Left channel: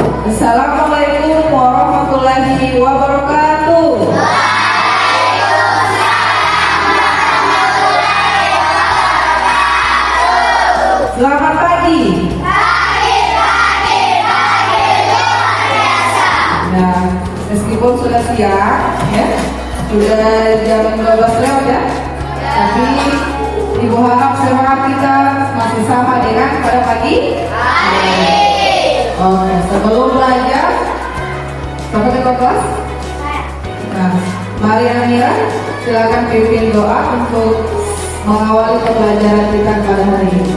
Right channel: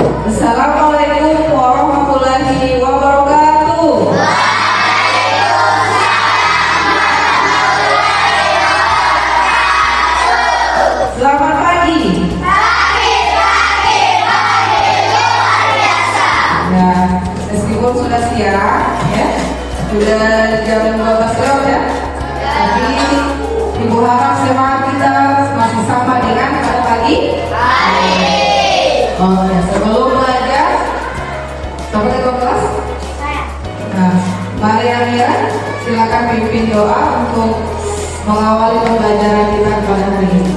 Assalamualaikum warahmatullahi wabarakatuh. Selamat pagi. Nah, meskipun sudah siang, ya, sudah jam 12 lewat ya, tapi Ibu harap semangat kita masih sama dengan pada pagi. Oke, sebelum belajar, coba kita kelas. Nah, mari Amira, silakan pimpin doa untuk mengawali pembelajaran kita pada hari ini.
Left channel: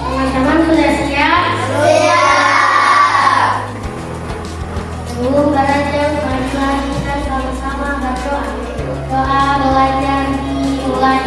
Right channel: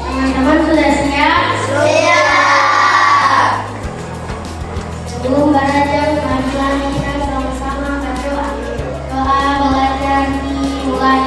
Teman-teman sudah siap? Sebelum belajar, mari kita sama-sama berdoa. Doa belajar dimulai.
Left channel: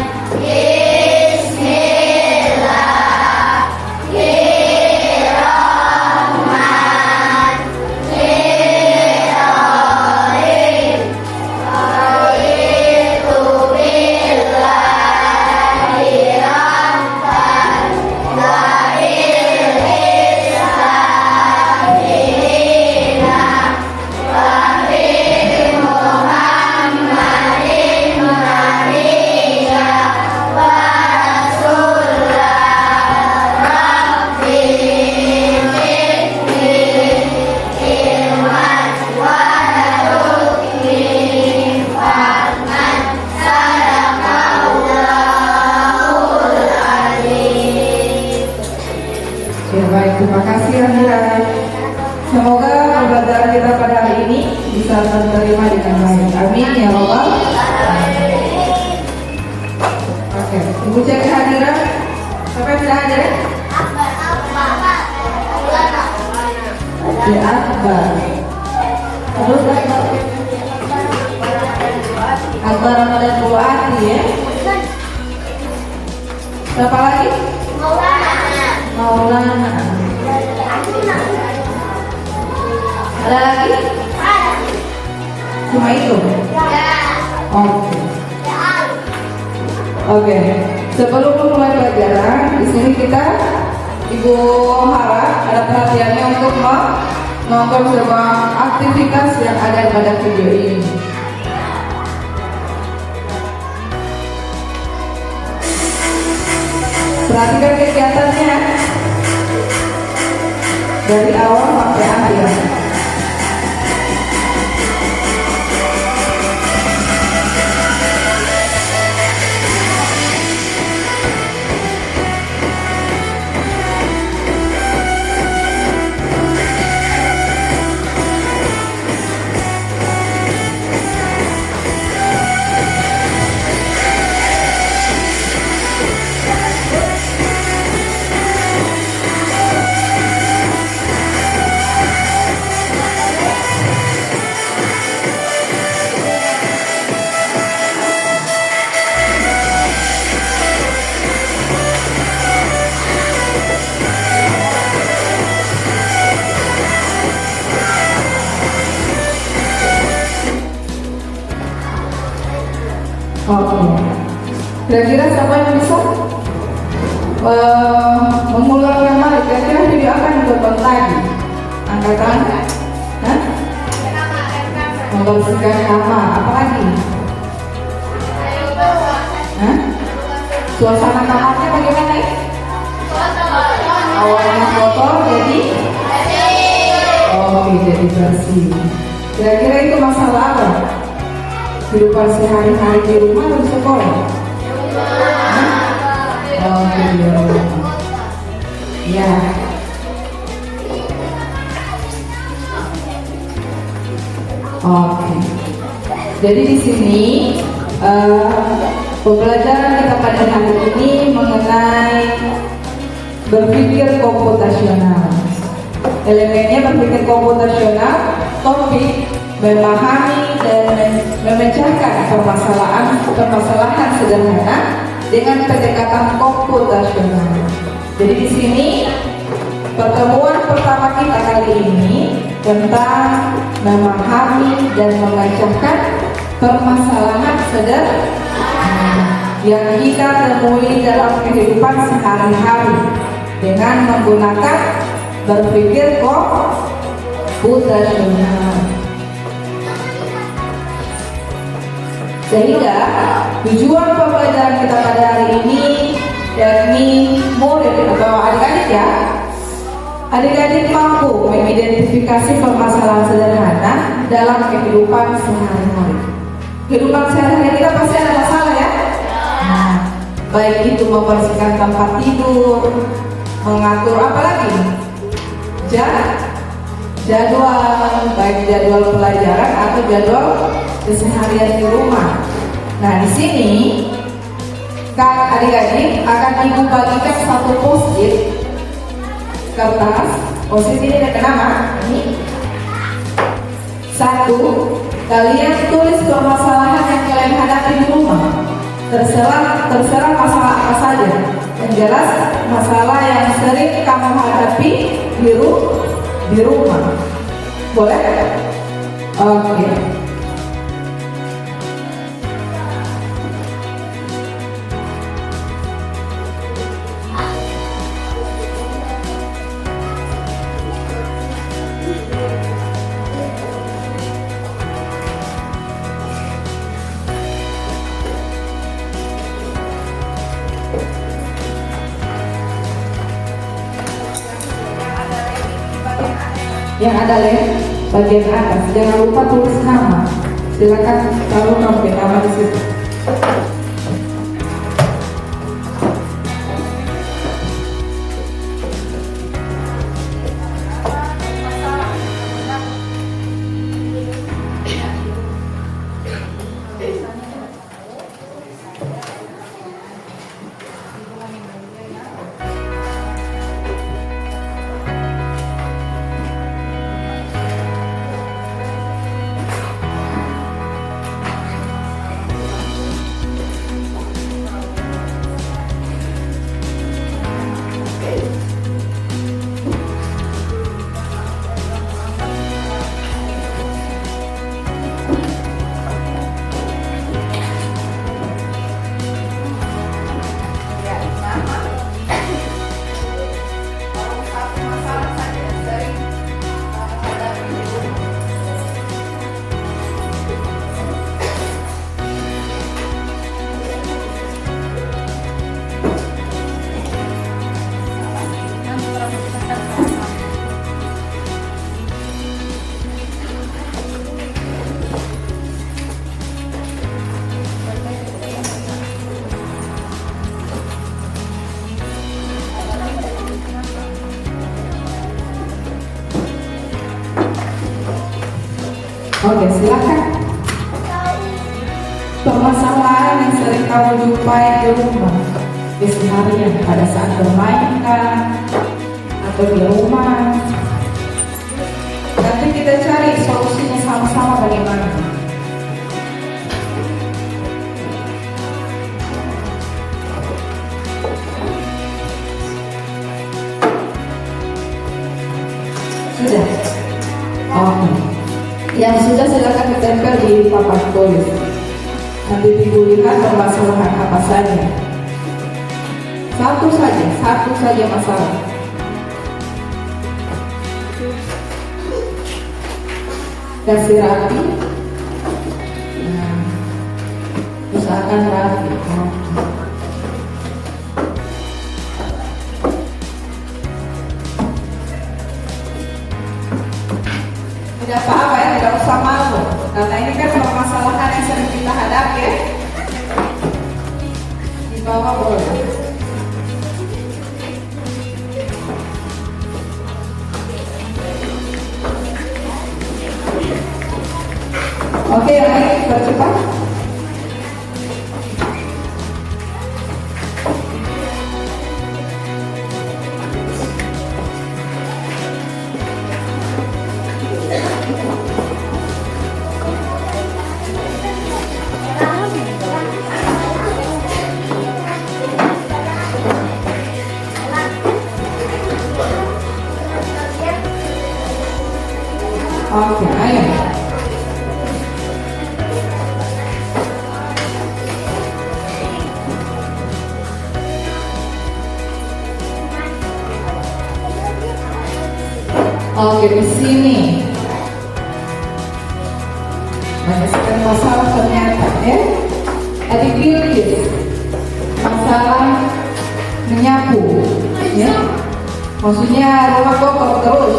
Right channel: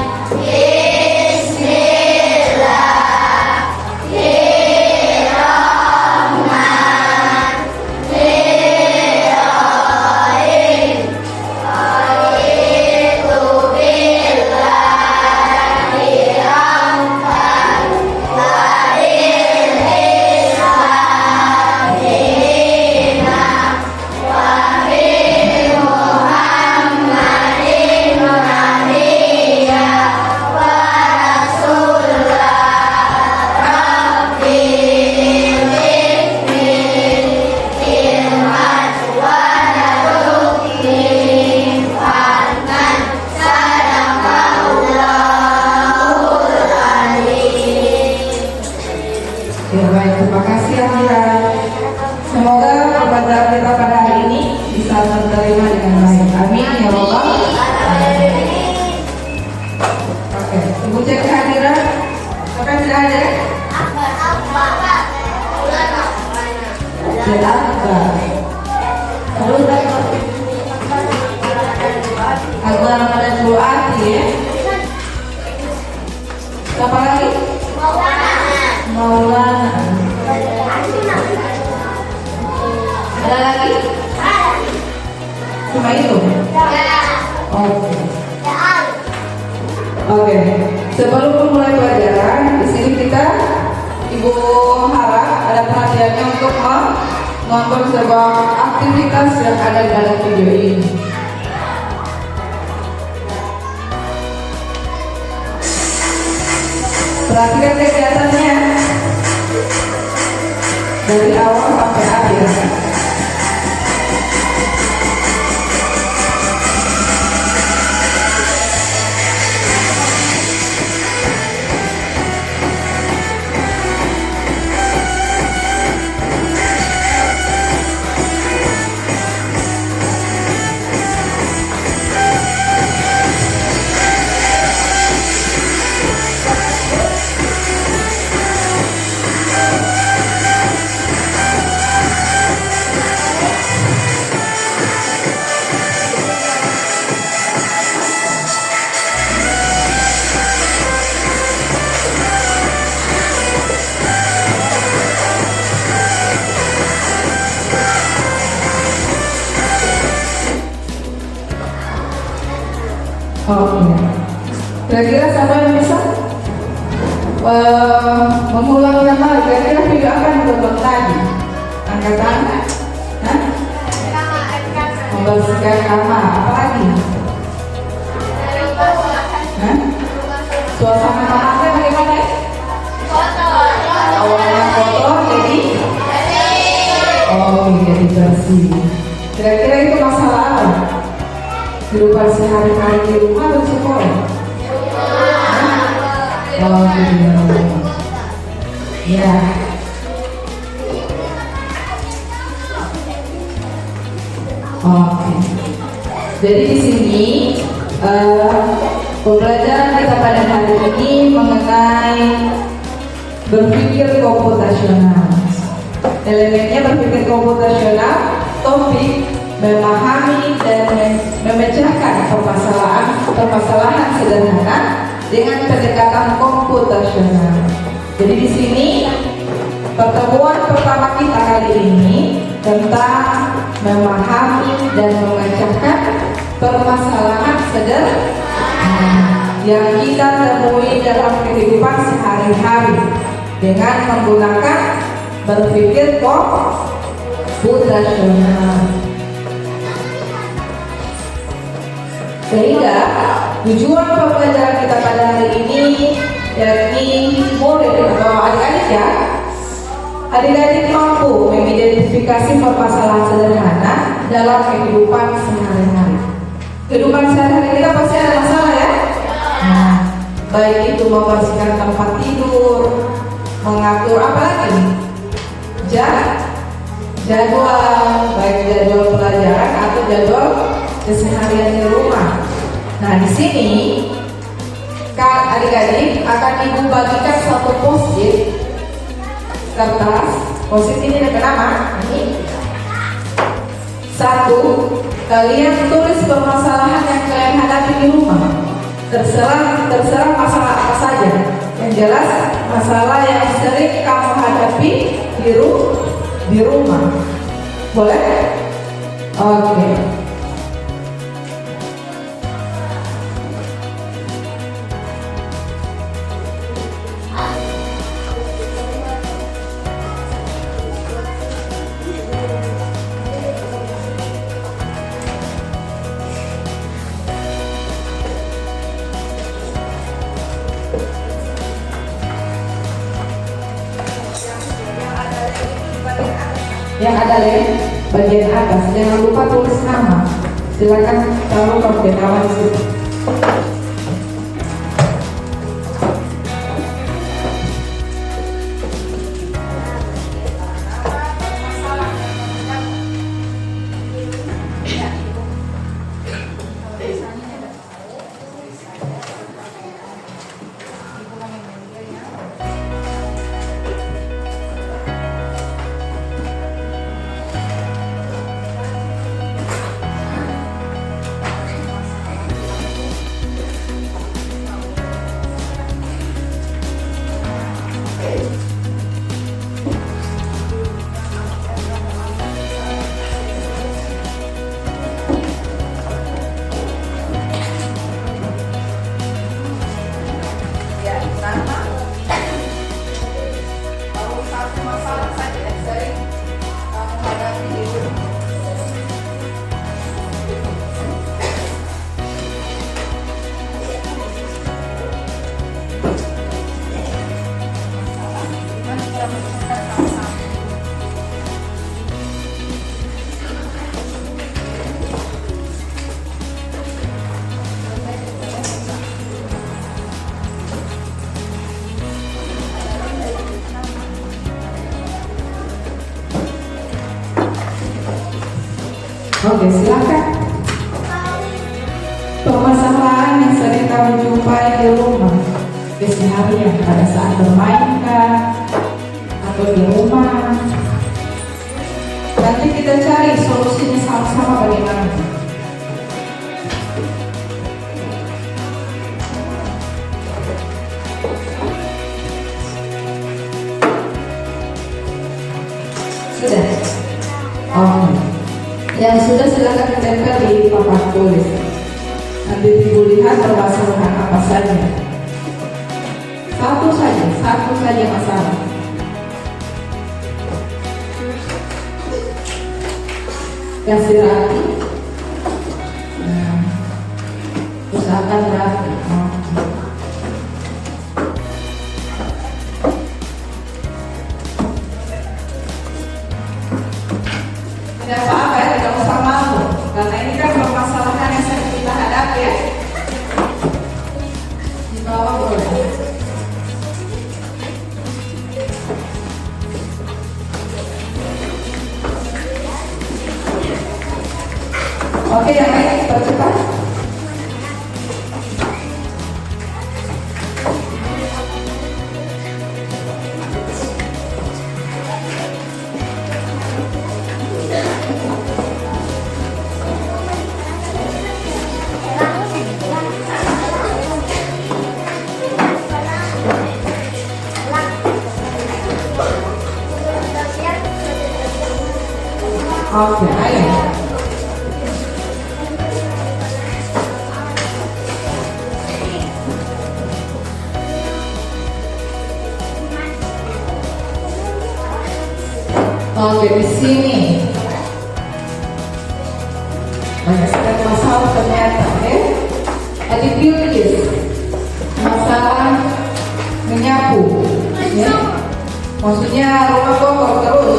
Ya baik, terima kasih Amira. Semoga ibadah kita pada hari ini bisa diterima dengan baik. Amin ya Rabbal. Oke, Ibu cek kehadiran. Siapa yang sudah hadir? Ya Akbar. Terus Akbar Ramadan Buati ya. Siapa lagi? Maulana. Ada lagi? Cuma itu? Oke. Oke. Sebelum memulai pelajaran, di sini kita Ibu harap ada perhatiannya untuk menonton sebuah aktivitas yang ada pada video ini. Perhatikan kegiatannya dari awal sampai akhir. Oke. Kira-kira siapa yang bisa mengulang yang lain? Kira-kira video akan ditonton lagi. Angkat tangan. Hah? Membersihkan kamar. Apa lagi? Hah? Suasana kamarnya bagaimana ya? Awalnya kotor jadi jadi bersih. Kira-kira itu masalah apa? Kehidupan sehari-hari di rumah atau sekolah? Ya. Oke. Jadi di sini pembelajaran kita pada hari ini mengenai berpikir komputasional. Elemennya berpikir komputasional, topik memahami dan memecahkan permasalahan sederhana dengan pendekatan komputasional. Jadi di sini pertemuan pertama kita kali ini tentang memahami dan memecahkan permasalahan sederhana yang kita temui dalam kehidupan sehari-hari dengan menggunakan berpikir komputasional. Sehingga tujuan pembelajaran kita pada hari ini yakni murid atau adik-adik ya, adik-adik mampu mengidentifikasi permasalahan sederhana dalam kehidupan sehari-hari. Kehidupan sehari-hari kita pasti ada masalah ya. Nah, baik itu membersihkan tempat tidur, mengatur apa lagi? Jadwal, baik jadwal pelajaran atau jadwal keseharian di rumah. Nah, di sini Kak adik-adik akan ibu bagikan satu post-it kertas. Post-it ini ada nama. Ini. Satu, kalian tulis permasalahan yang kalian hadapi di rumah. Terserah masalah apa saja. Yang jelas masalah yang sering kamu hadapi di rumah. Boleh? Oke. Yang ada lem bagian atas, jangan lupa tulis nama. Silakan kalau kamu nama di situ. Oke, silakan. Permasalahan yang sering kamu jumpai di rumah keseharian pada saat bermain atau di rumah. Nanti kita cari solusinya sama-sama bagaimana. Sudah? Oke. Yang sudah silakan ditempel di papan tulis. Nanti ibu lihat permasalahan apa saja. Satu saja masalah. Kasih rapi. Nah, usahakan rapi. Tidak apa-apa ya, tidak usah malu. Karena ini kan permasalahan yang sering kita hadapi ya. Di bawah boleh. Oke, yang ini bercepat. Oke, ayo. Oke, di sini banyak sekali masalah ternyata ya. Epicurious, masalah menyapu, ya. Maksudnya rumah kotor terus,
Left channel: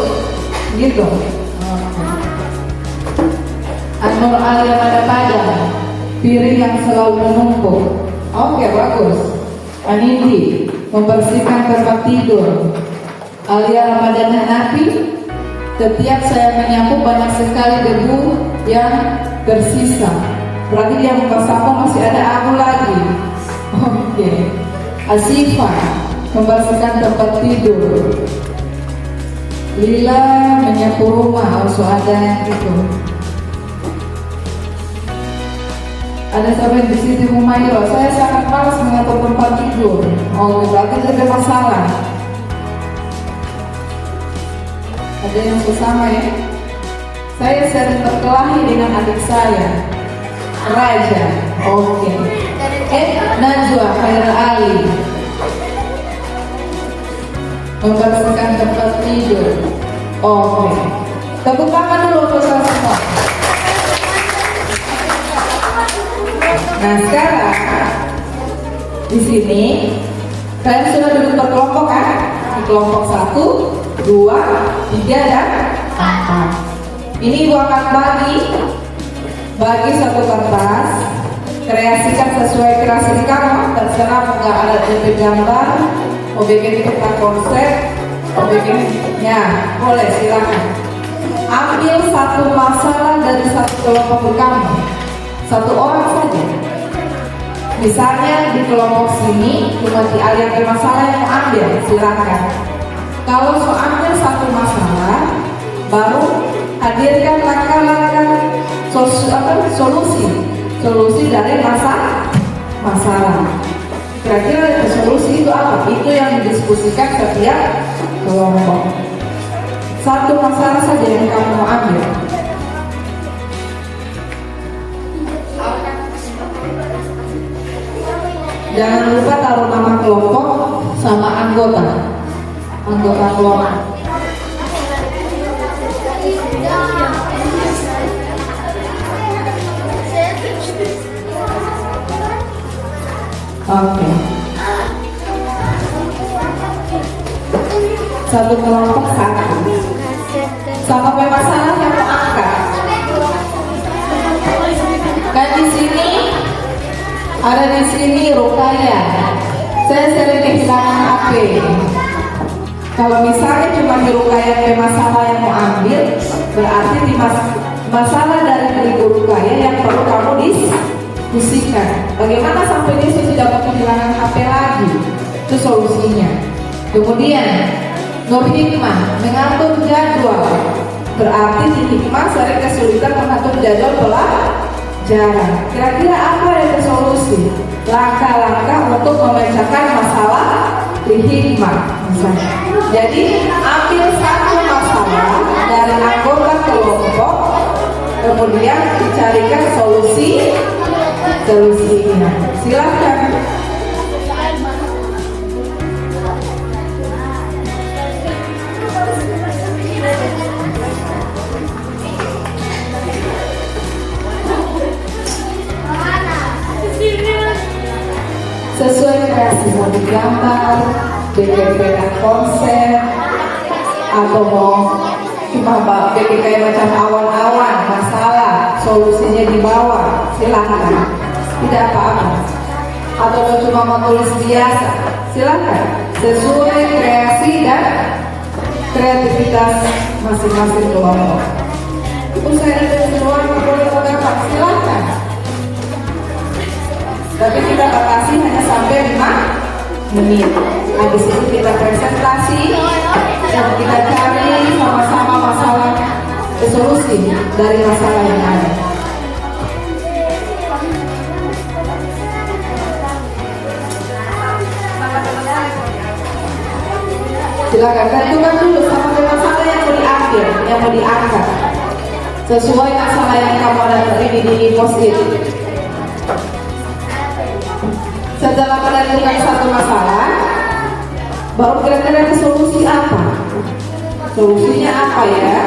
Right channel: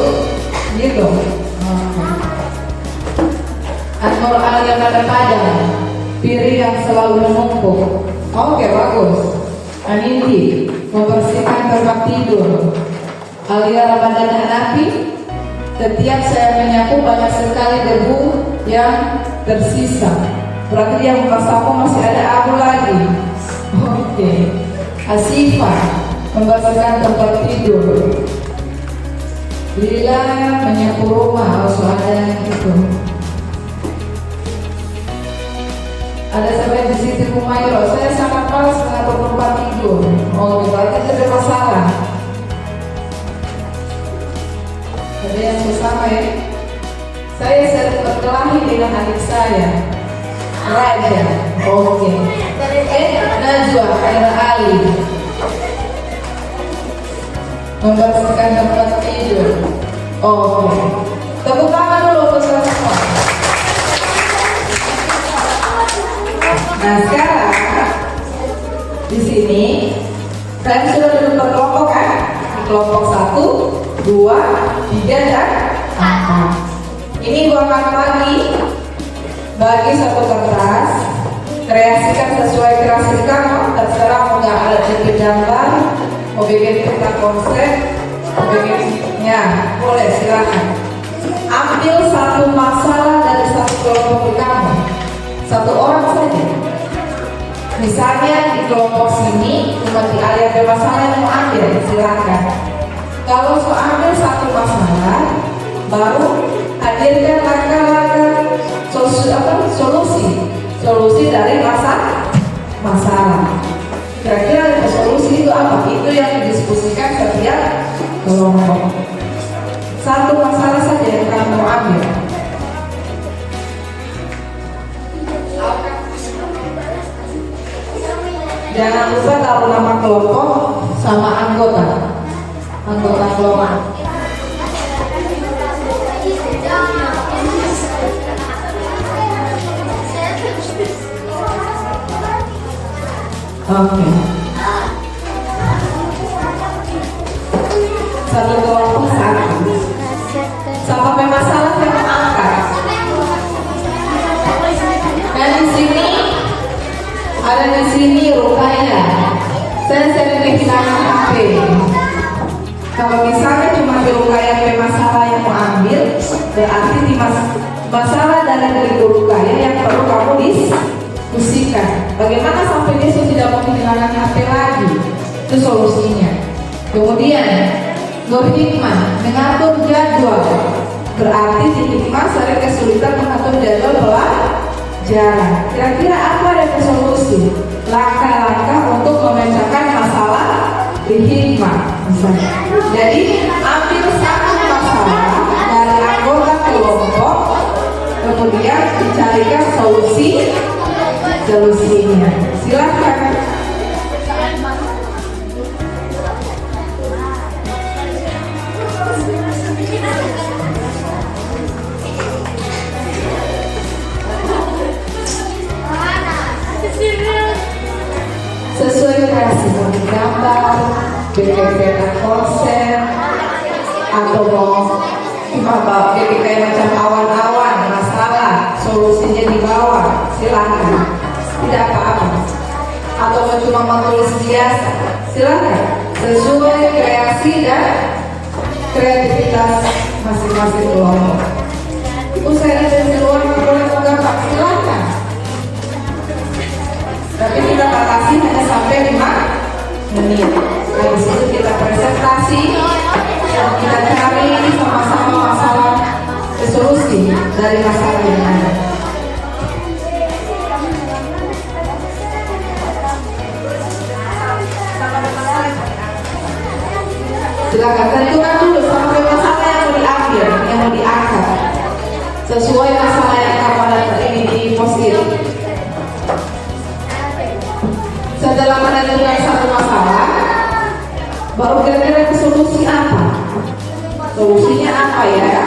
gitu. Anul alia pada piring yang selalu menumpuk. Oke, bagus. Anindi, membersihkan tempat tidur. Alia ramadana napi, setiap saya menyapu banyak sekali debu yang tersisa. Berarti yang masaku masih ada aku lagi. Oke. Asifa, membersihkan tempat tidur. Lila, menyapu rumah. Harus ada gitu. Ada sampai di sini Humayro, saya sangat malas mengatur tempat tidur. Oh, berarti tidak ada masalah. Ada yang bersama ya. Saya sering berkelahi dengan adik saya, Raja. Oke. Najwa Khairul Ali, membersihkan tempat tidur. Oke. Tepuk tangan dulu untuk saya semua. Nah sekarang di sini kalian sudah duduk berkelompok kan? Di kelompok 1, 2, 3 dan 4. Ini Ibu akan bagi satu kertas, kreasikan sesuai kreasi kamu. Terserah mau nggak ada tipe gambar, mau bikin peta konsep, mau bikinnya boleh silakan. Ambil satu masalah dari satu kelompok kamu, satu orang saja. Misalnya di kelompok sini cuma si Alia bermasalah yang mau ambil, silakan. Kalau mau ambil satu masalah, baru hadirkan langkah-langkah solusi dari masalah. Kira-kira solusi itu apa? Itu yang didiskusikan setiap kelompok. Satu masalah saja yang kamu mau ambil. Jangan lupa taruh nama kelompok sama anggota kelompok. Oke. Satu kelompok satu. Sampai masalah yang mau angkat. Kan di sini ada di sini Rukaya. Saya sering kehilangan HP. Kalau misalnya cuma di Rukaya masalah yang mau ambil, berarti di masalah dari Ibu Rukaya yang perlu kamu diskusikan. Bagaimana sampai dia tidak mau kehilangan HP lagi? Itu solusinya. Kemudian Nur Hikmah mengatur jadwal. Berarti di Hikmah sering kesulitan mengatur jadwal pelajaran. Kira-kira apa yang solusi? Langkah-langkah untuk memecahkan masalah di Hikmah misalnya. Jadi ambil satu masalah dari anggota kelompok, kemudian carikan solusinya. Silakan. Sesuai kreasi mau digambar, bikin konsep, atau mau cuma bikin kayak macam awan-awan masalah, solusinya di bawah, silakan, tidak apa-apa. Atau mau cuma menulis biasa, silakan. Sesuai kreasi dan kreativitas masing-masing kelompok. Ibu saya dari luar boleh mengangkat, silakan. Tapi kita batasi hanya sampai 5 menit. Habis itu kita presentasi dan kita cari sama-sama masalah solusi dari masalah yang ada. Silakan tentukan dulu sampai masalah yang mau diambil, yang mau diangkat sesuai masalah yang kamu dapat ini di post-it. Setelah menentukan satu masalah, baru kira-kira solusi apa? Solusinya apa ya?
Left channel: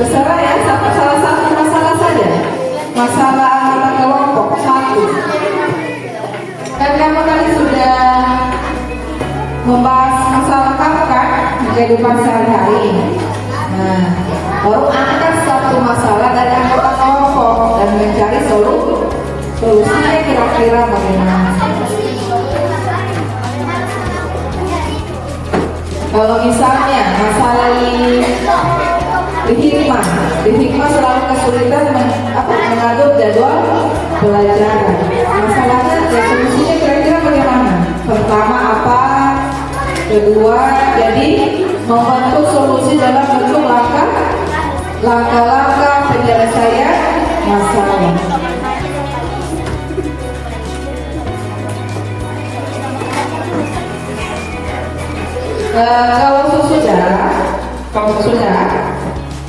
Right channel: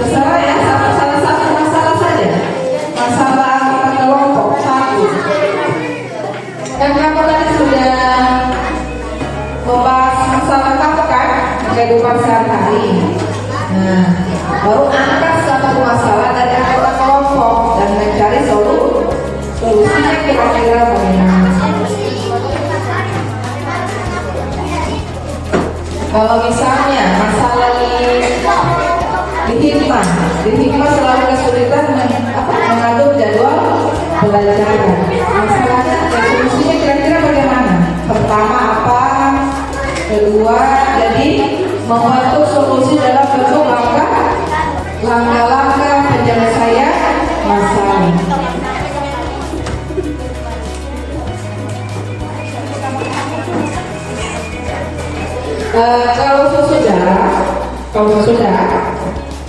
Terserah ya, salah satu masalah saja. Masalah kelompok satu. Kan kamu tadi sudah membahas masalah kamu kan di kehidupan sehari-hari. Nah, baru angkat satu masalah dari anggota kelompok dan mencari solusinya kira-kira bagaimana. Kalau misalnya masalah di hikmah selalu kesulitan mengatur jadwal pelajaran. Masalahnya solusinya kira-kira bagaimana? Pertama apa? Kedua, jadi membantu solusi dalam bentuk langkah-langkah penyelesaian masalah. Kalau sudah,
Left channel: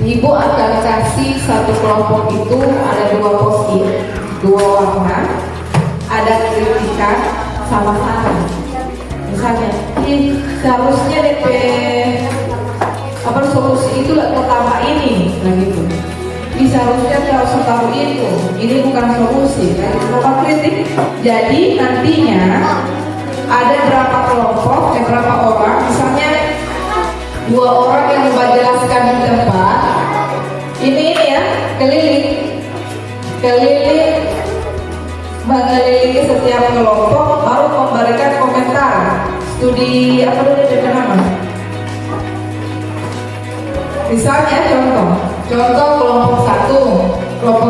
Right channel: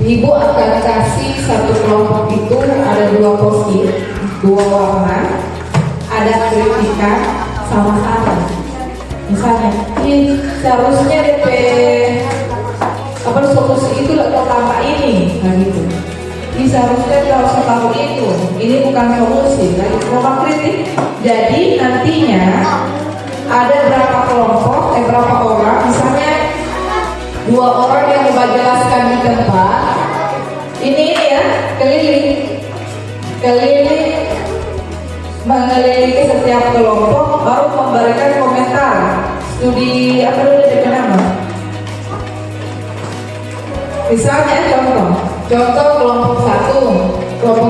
ibu akan kasih satu kelompok itu ada dua post-it, dua warna, ada kritikan sama saran. Misalnya, ini seharusnya DP solusi itu pertama ini, nah gitu. Ini seharusnya harus tahu itu, ini bukan solusi, kan? Kelompok kritik. Jadi nantinya ada berapa kelompok, berapa orang, misalnya 2 orang yang membagilaskan di tempat ini ya, keliling mengelilingi setiap kelompok, baru memberikan komentar studi apa dulu dengan nama. Misalnya contoh kelompok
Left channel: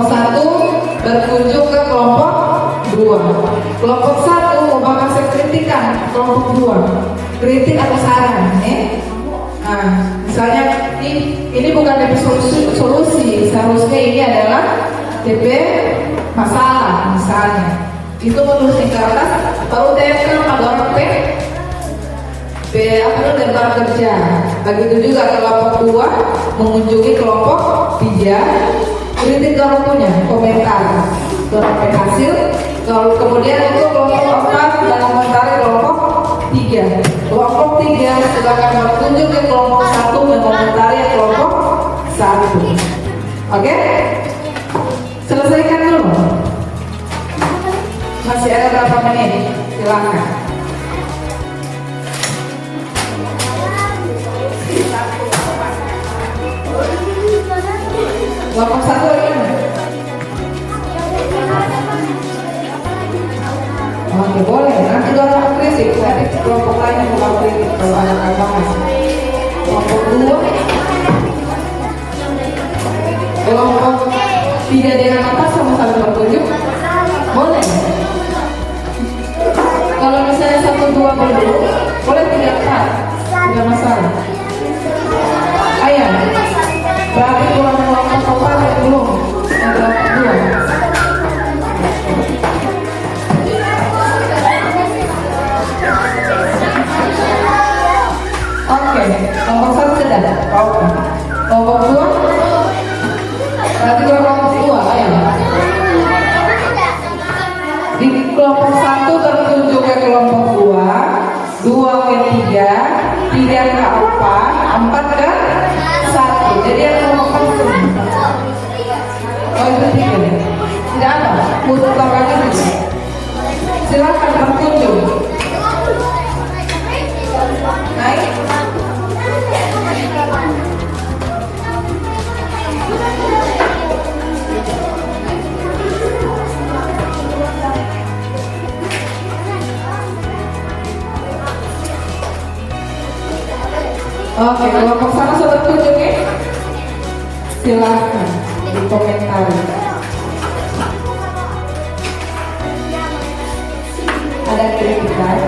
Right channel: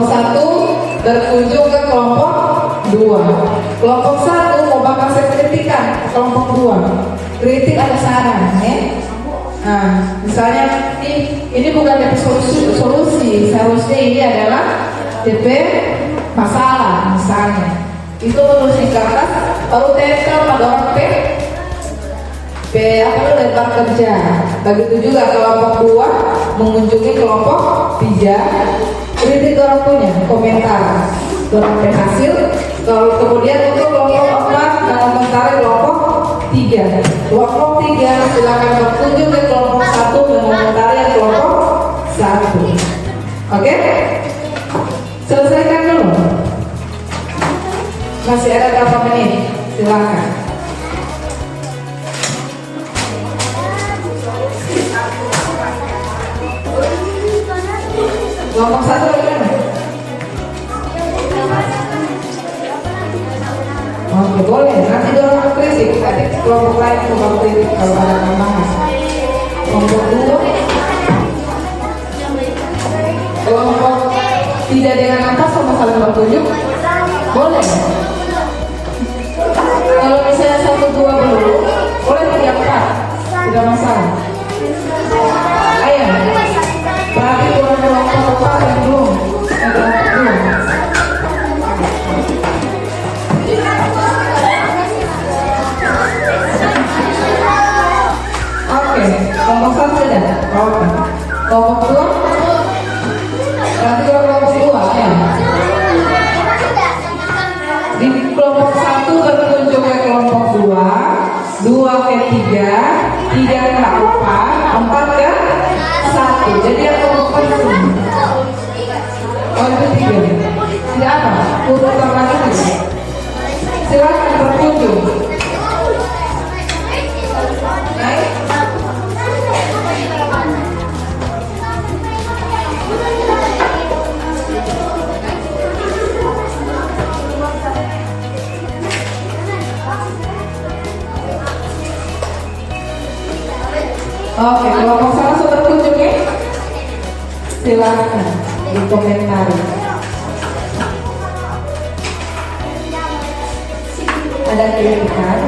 satu berkunjung ke kelompok 2. Kelompok 1 mau kasih kritikan kelompok 2, kritik atau saran ya. Nah, misalnya ini bukan DP solusi, seharusnya ini adalah DP masalah misalnya. Itu menulis di kertas, baru tempel pada orang tentang kerja. Begitu juga kelompok 2 mengunjungi kelompok 3, kritik orang punya komentar tentang hasil. Kalau kemudian untuk kelompok 4 dalam komentar kelompok 3. Kelompok 3 silakan berkunjung ke kelompok 1 dan mengomentari kelompok Masih ada berapa menit? Silakan. Kelompok 1 lagi kan? Oke, boleh. Nanti dorong kritik. Ada kelompok lain yang mau kritik kalau ada tambahan. Kelompok 2. Kelompok tidak dengan atas sama-sama bertunjuk. Boleh. Kalau misalnya 1, 2 belum, boleh 3, 4. Tidak masalah. Ayo. Berarti kurang kelompok 4 yang belum. Yang kelompok 2. Oke, kelompok 1 sudah. Kelompok 2. Berarti kelompok 2 ya. Di kelompok 1 tertunjuk ke kelompok 2, 2 ke 3, 3 ke 4, 4 ke 1. Jadi yang kelompok 4 ini. Oh itu 3. Tidak apa, putar kaki itu. Silakan tertunjuk. Baik. Oke, kelompok sana sudah tunjuk ya? Silahkan dikomentari. Ada kritikan?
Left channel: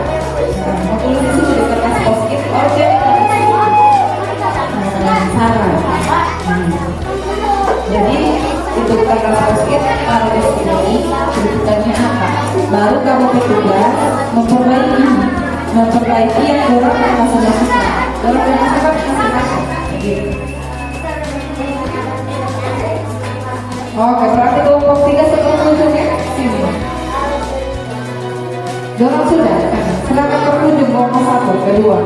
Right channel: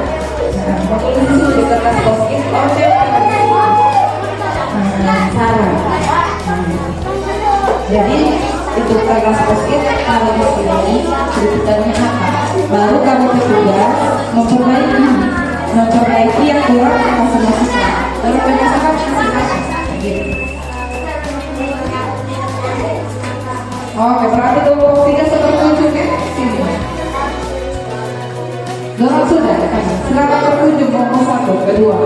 Mau tulis di sini di kertas post-it, saran. Jadi itu kertas post-it taruh di sini, kritikannya apa? Baru kamu bertugas memperbaiki yang kurang kasih masukan. Baru masukan gitu. Oke, berarti kelompok 3 seperti tunjuknya sini. Dorong sudah, silakan tertunjuk kelompok 1, kedua.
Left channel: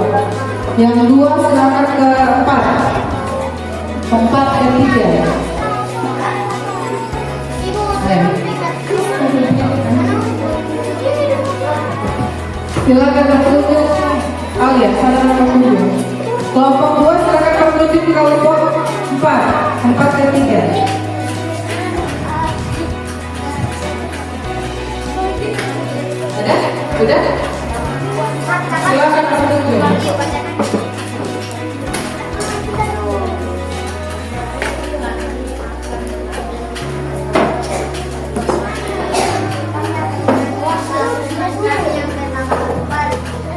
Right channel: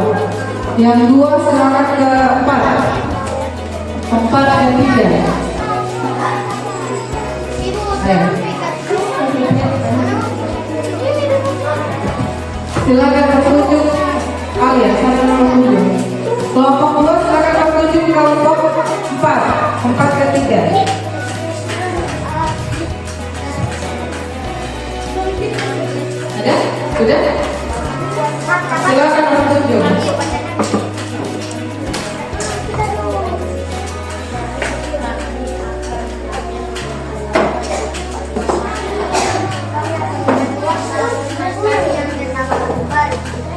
Yang 2 silakan ke 4. 4 ke 3. Silakan tertunjuk. Oh ya, silakan tertunjuk. Kelompok 2 silakan tertunjuk kelompok 4. 4 ke 3. Ada? Sudah? Silakan tertunjuk.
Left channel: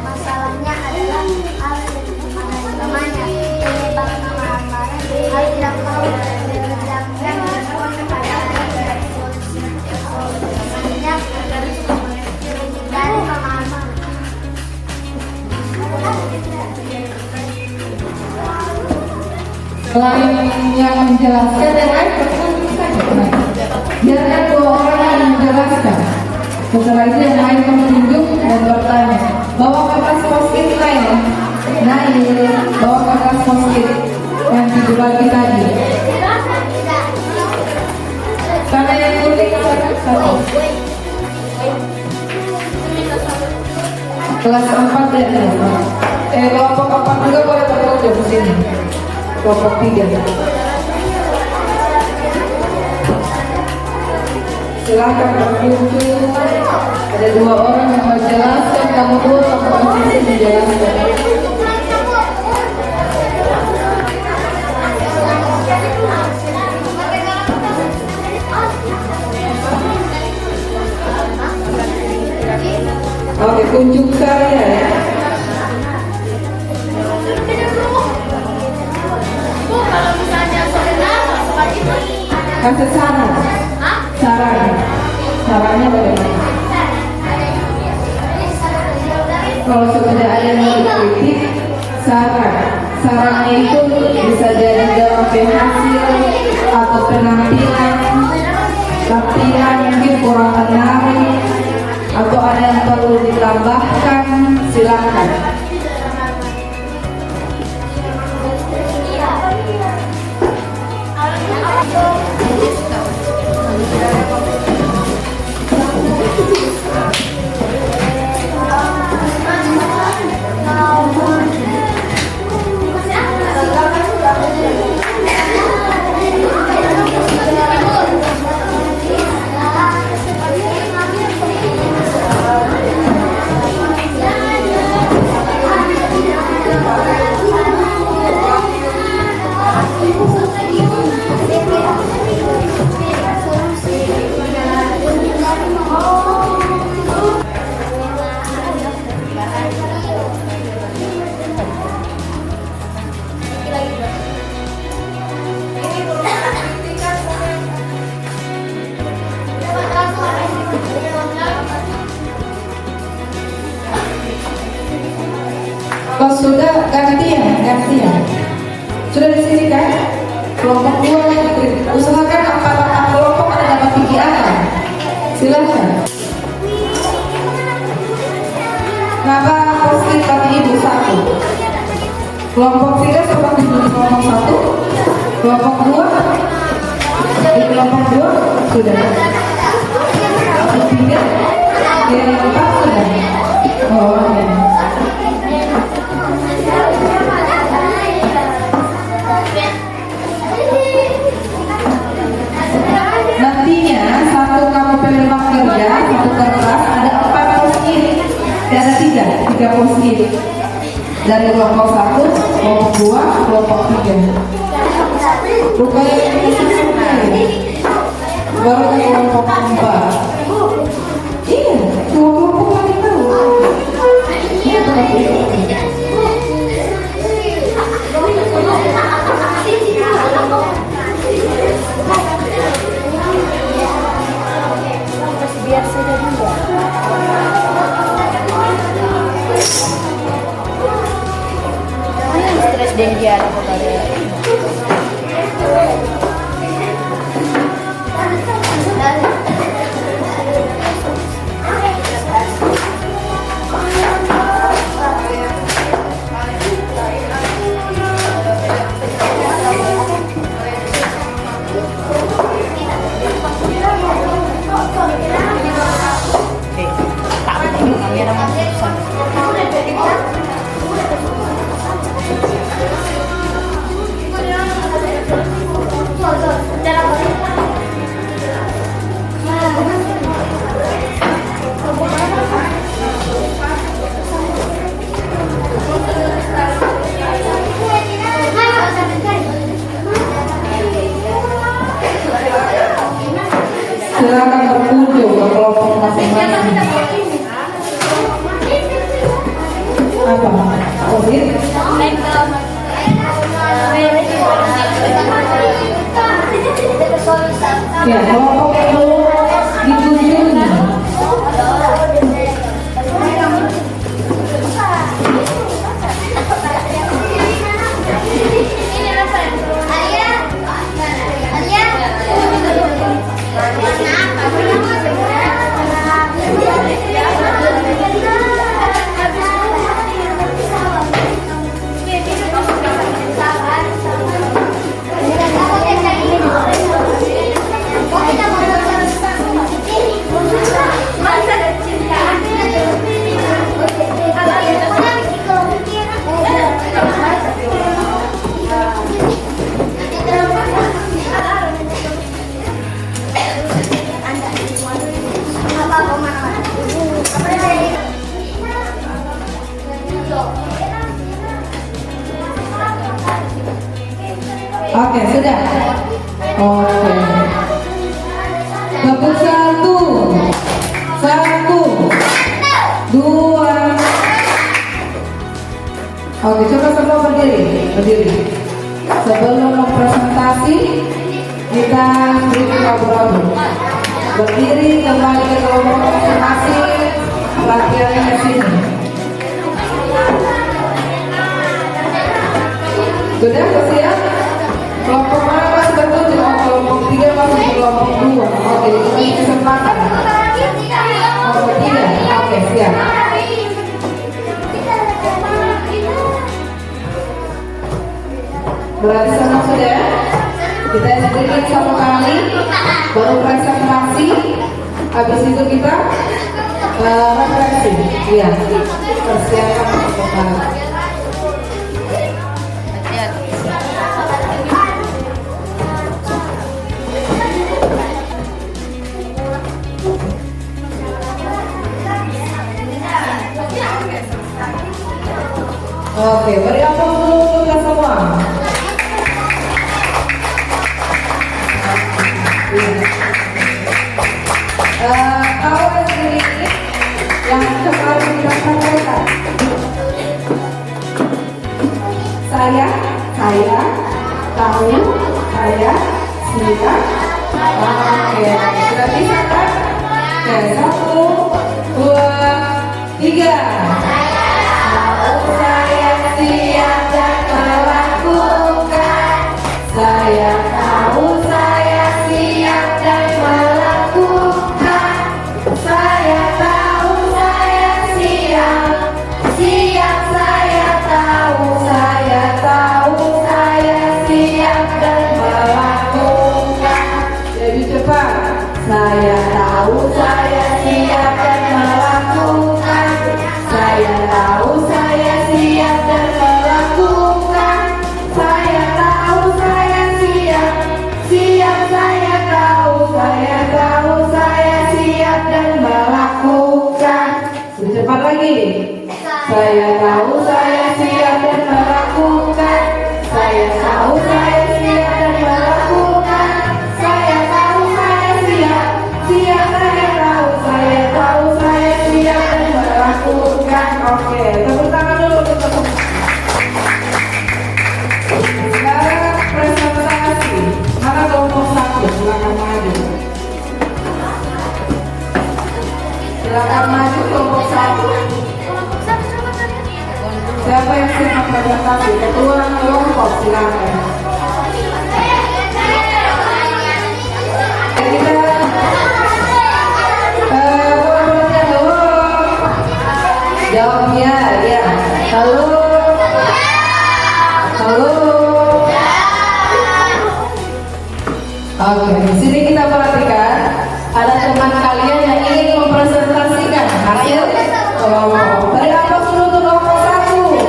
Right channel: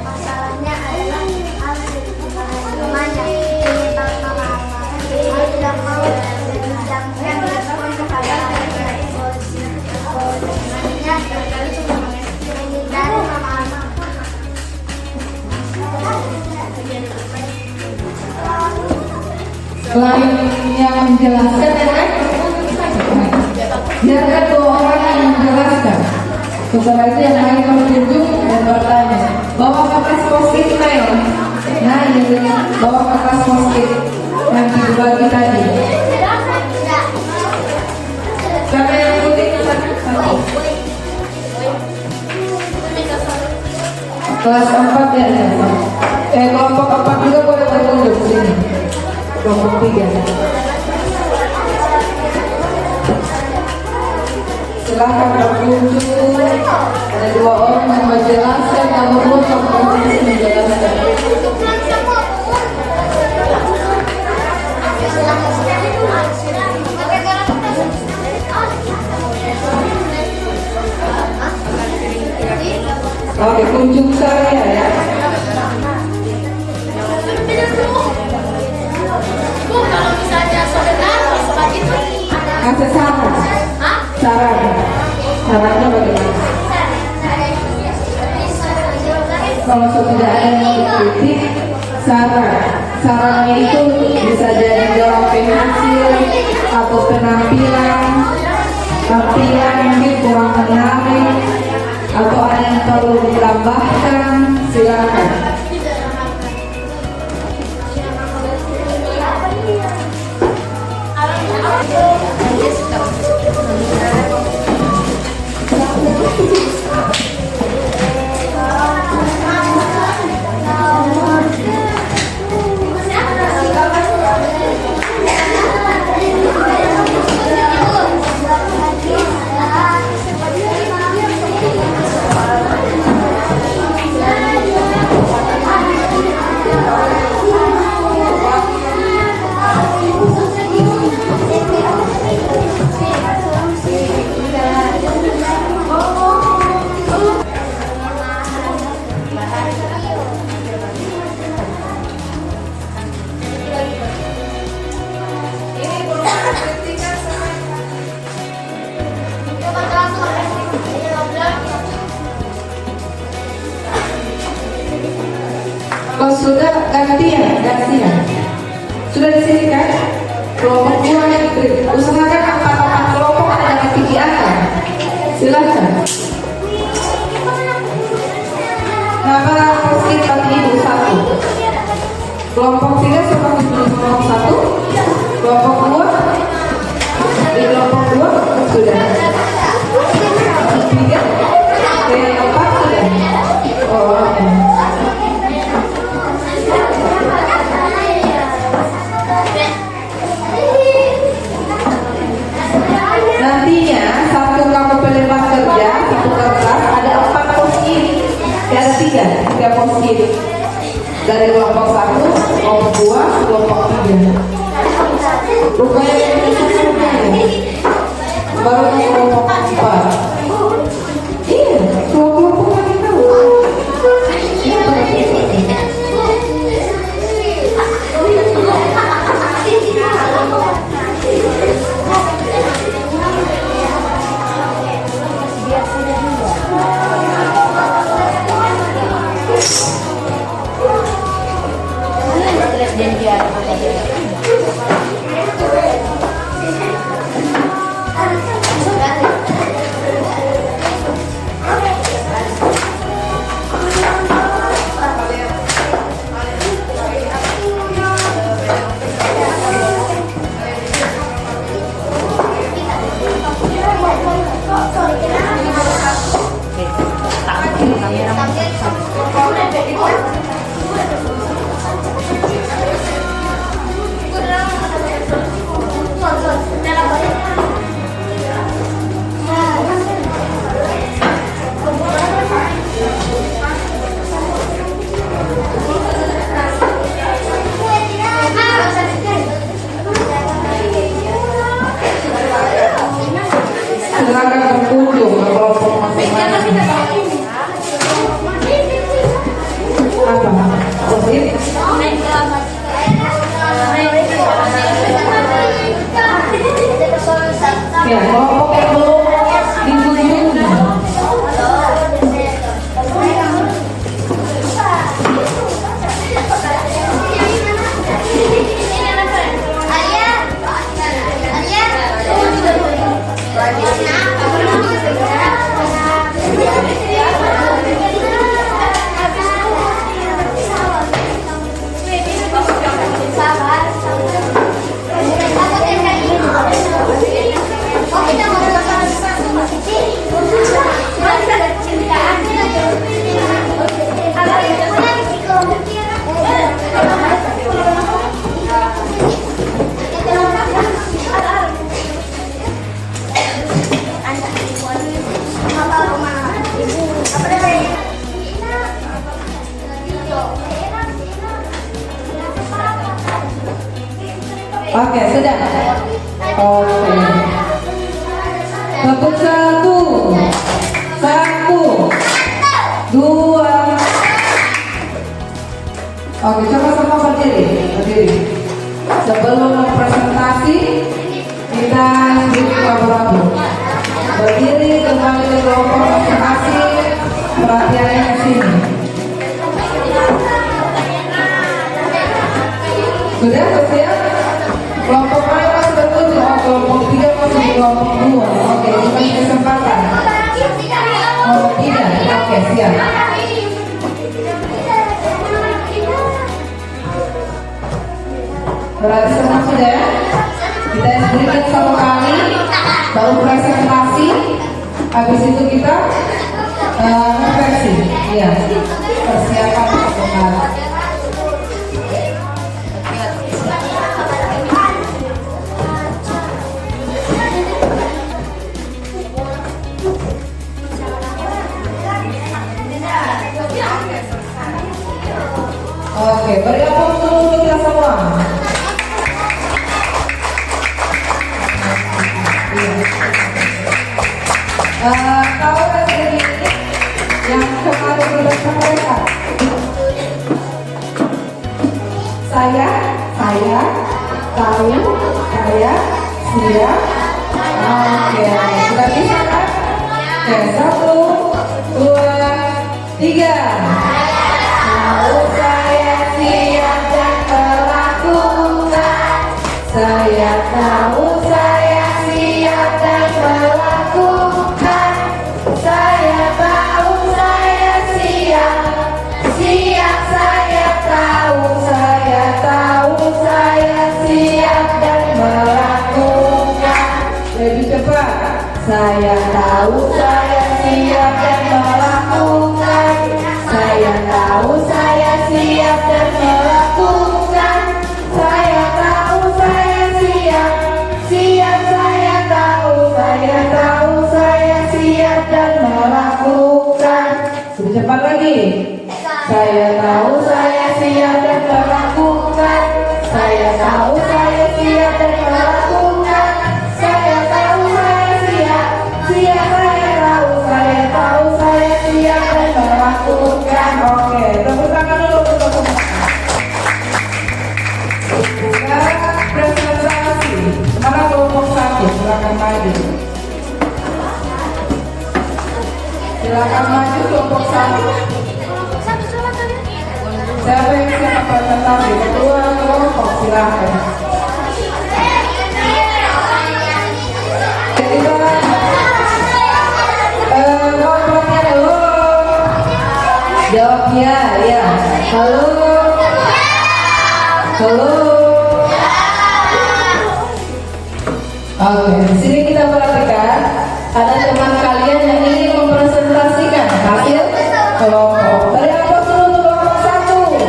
Masalahnya adalah hal kemana penyebab pemahaman hal tidak mau menjamkan respon kepada anak solusinya dan pemahaman. Selain yang menjelaskan dan lain, biarkan 2 orang yang menjelaskan. Setelah itu yang lain menunjuk dan bertanya. Bawa kertas post-it lain. Nah ini bawa kertas post-it yang dibagi tadi. Karena yang tulis satu. Kelas 4 ya. Kelompok 4 juga boleh berkunjung ke sini. Kelompok 3. Silahkan berkunjung. Ada 2 orang yang menjelaskan, kamu pun menjelaskan. Oke, kunjung saya ya. Kasih saran. Sarannya bagaimana? Kalau sudah ada yang kritik, sarannya itu bisa jadi jawaban hasil atau penampilan mungkin kurang menarik atau ada yang perlu ditambahkan, silakan. Kalau sudah gantian. Sudah di sini kan? Kelompok 2 yang usahakan empat kelompok ada dalam pikiran. Silakan. Nama posisi kami ibu 1. Kelompok 3 seperti kelompok 1. Kelompok 2 di kelompok 2 sudah. Kelompok 3 yang 4 sudah. Oh, oke. Nantinya satu kamu penerima kerja, satu kertas ada 4 pos kiri, ada 3 pos kiri dari kelompok 1, kelompok 2, kelompok 3. Rupanya baru kelompok 4. Iya, kelompok kami tahu. Dan dia silakan berkunjung ke kelompok masing-masing. Apa? Posisi? Ya, kelompok itu dikunjungi. Oke, sudah. Oke. Tepuk 1, 2. Oke, coba semua berdiri. Sebelum presentasi kita beri rabu-rabu. Berdiri kembali ke kelompok masing-masing. Perhatiannya di sini. Sudah siap? Kelompok mana masih berkunjung? Kelompok 3 masih di kelompok 2. Oke, ini kesempatan. Kelompok 3. Oke, siap. Berarti semua sudah. Kita sedikit satu kali, baru presentasi. Habis itu kita refleksi. Iya, persiapan satu kali. Oke, beri aplaus dulu untuk kita semua. Kalau dari yang kemarin kita sampaikan, saya tahu, saya siap. Oke, sudah bisa kan? Oke, 1, 2, 3. Tahu saya Saya tahu saya siap. Siap saya tahu saya siap dan melakukan. Lebih cepat. Saya tahu saya siap dan melakukan. Saya tahu saya siap dan melakukan. Saya tahu saya siap. Siap saya tahu saya siap dan melakukan. Lebih cepat lagi. Saya tahu saya siap dan melakukan. Saya tahu saya siap dan melakukan. Saya tahu saya siap. Siap saya tahu saya siap dan melakukan. Oke, tepuk tangan dulu untuk tepuk tangan. Sekarang presentasi. Mana kelompok 1? Silakan maju. Silakan maju kelompok 1. Siapa yang siap presentasi? Ketua kelompok silakan. Kelompoknya dulu. Jawabnya ya. Halo. Halo. Oke, di sini kita perhatikan ada teman kalian yang ingin mempresentasikan hasil kelompok. Tadi apa dulu untuk kelompok 1?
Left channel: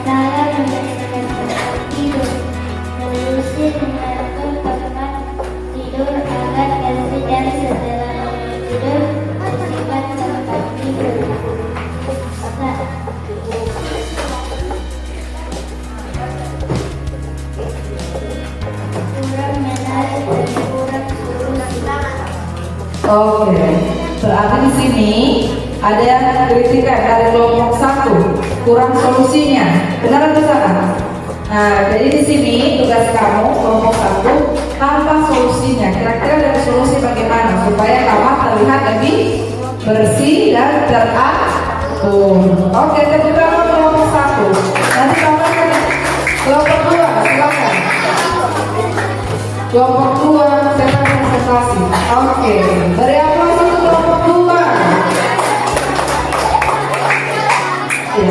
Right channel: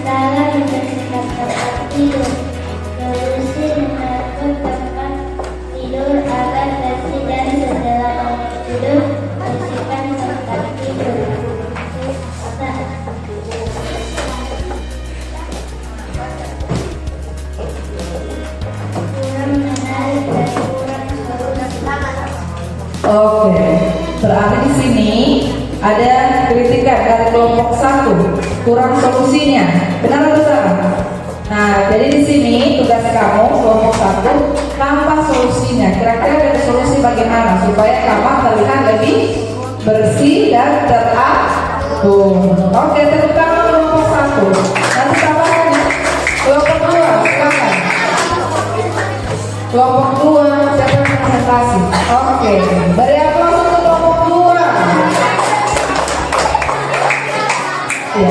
Saya membersihkan tempat tidur. Solusi mengatur tempat tidur agar bersih dan setelah bangun tidur bersihkan tempat tidur. Kurang menarik dan kurang solusi. Oke, berarti di sini ada yang kritikan dari kelompok 1 kurang solusinya. Benar atau salah? Nah, jadi di sini tugas kamu kelompok 1 tambah solusinya. Kira-kira dari solusi bagaimana supaya kamar terlihat lebih bersih dan teratur. Oke, tepuk tangan kelompok 1. Nanti tambahkan kelompok 2, silakan. Kelompok 2 silakan presentasi. Oke, beri aplaus untuk kelompok 2. Ya.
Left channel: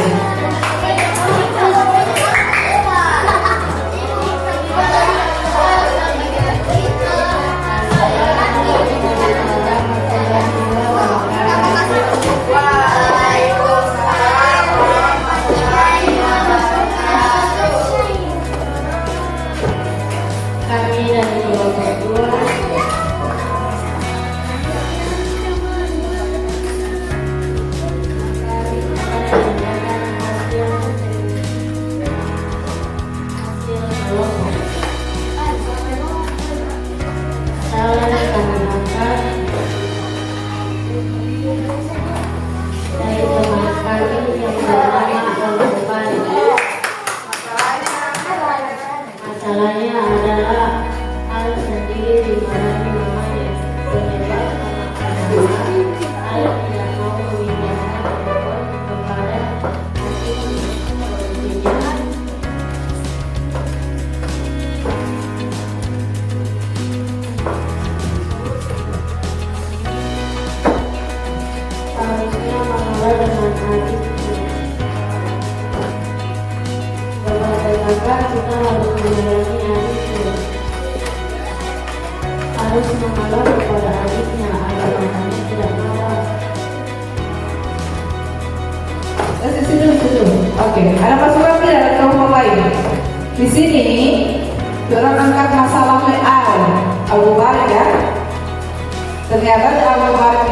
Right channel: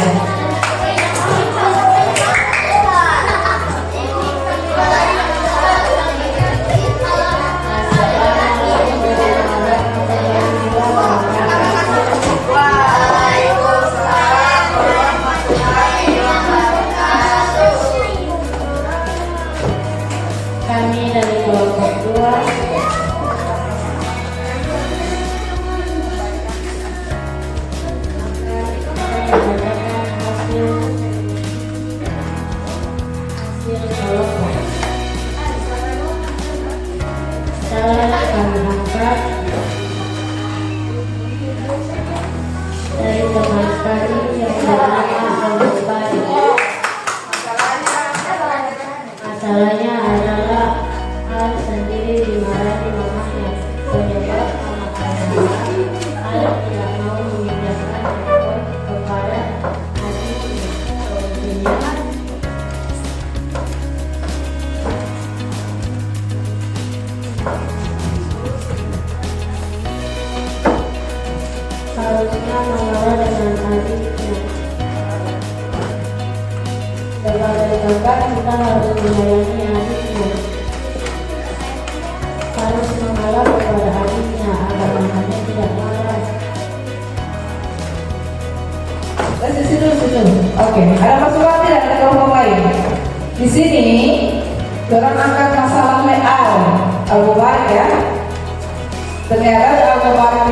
Kami dari kelompok 2 masalahnya adalah hal sendiri di dalam rumahnya penyebab hal tidak mau memindahkan kepada harusnya mengelola dengan adil. Berbeda kita harus melayani adiknya, harus mengalah kepada adiknya agar anaknya tidak marah. Situ. Oke, ada masukan tidak dari kelompok lain? Di sini, orang angkat masalah Al-Mubarak ya. Ternyata Al-Mubarak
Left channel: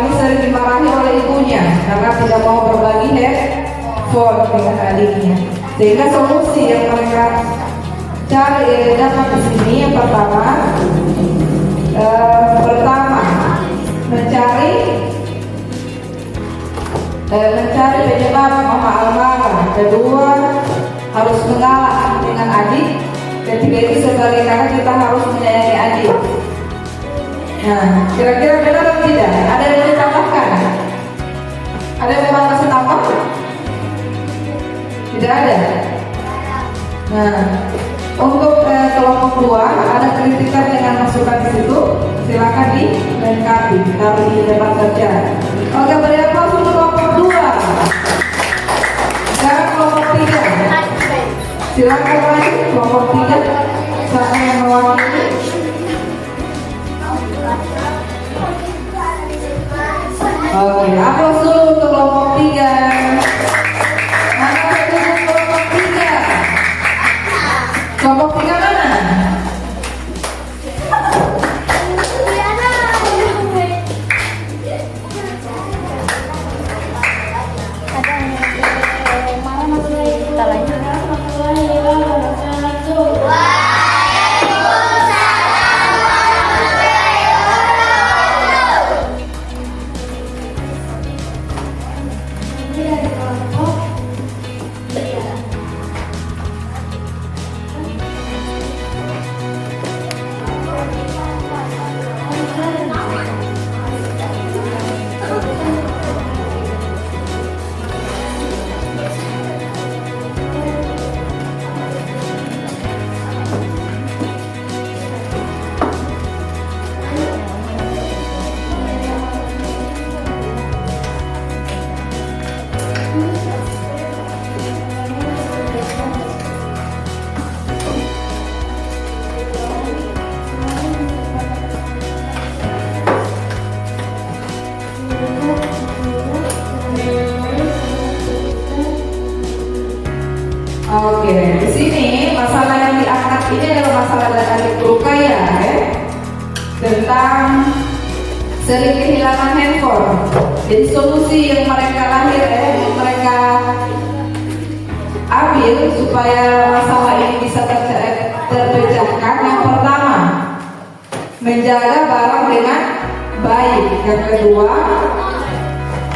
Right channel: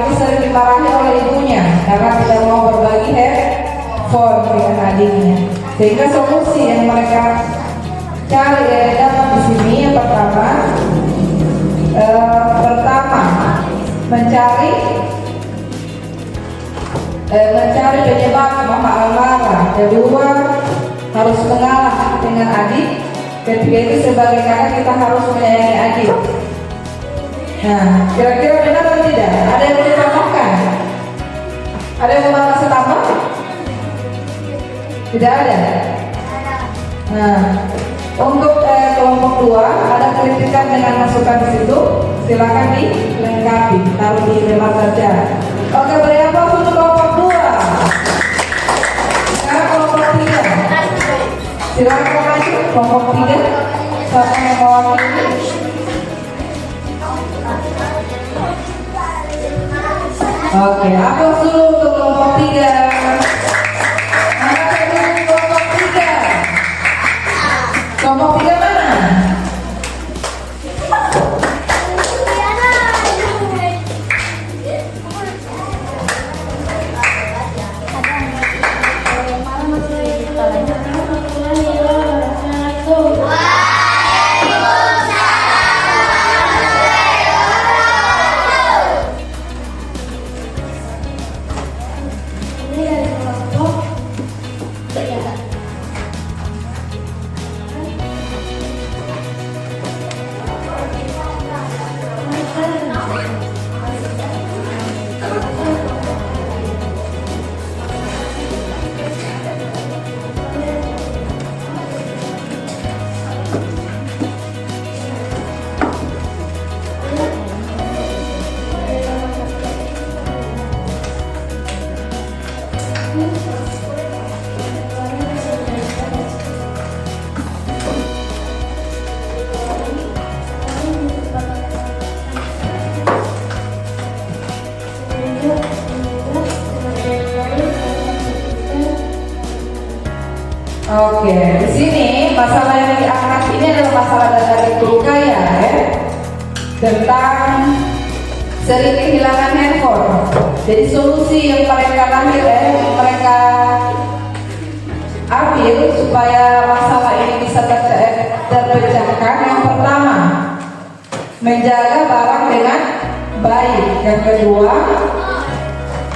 solusi yang mereka cari dapat di sini. Yang pertama, mencari penyebab masalah lara. Kedua, harus mengalah dengan adik. Ketiga itu sebagai kakak kita harus menyayangi adik. Nah, kira-kira benar atau tidak? Ada yang mau ditambahkan? Ada yang mau masuk tambah? Tidak ada. Nah, untuk kelompok luar ada kritikan dengan masukan di situ. Silakan dilengkapi, taruh di depan saja. Oke, beri aplaus untuk kelompok 2. Sekarang kelompok 3. Silakan lagi kelompok 3. Siapa yang mewakili? Oke, aplaus dulu untuk kelompok 3. Mana itu kelompok 3? Kelompok 3 mana? Oke, di sini masalah yang diangkat ini adalah masalah dari Turkaya, tentang sering kehilangan handphone. Jadi solusi yang mereka mereka ambil supaya masalah ini bisa terpecahkan. Yang pertama, menjaga barang dengan baik. Yang kedua,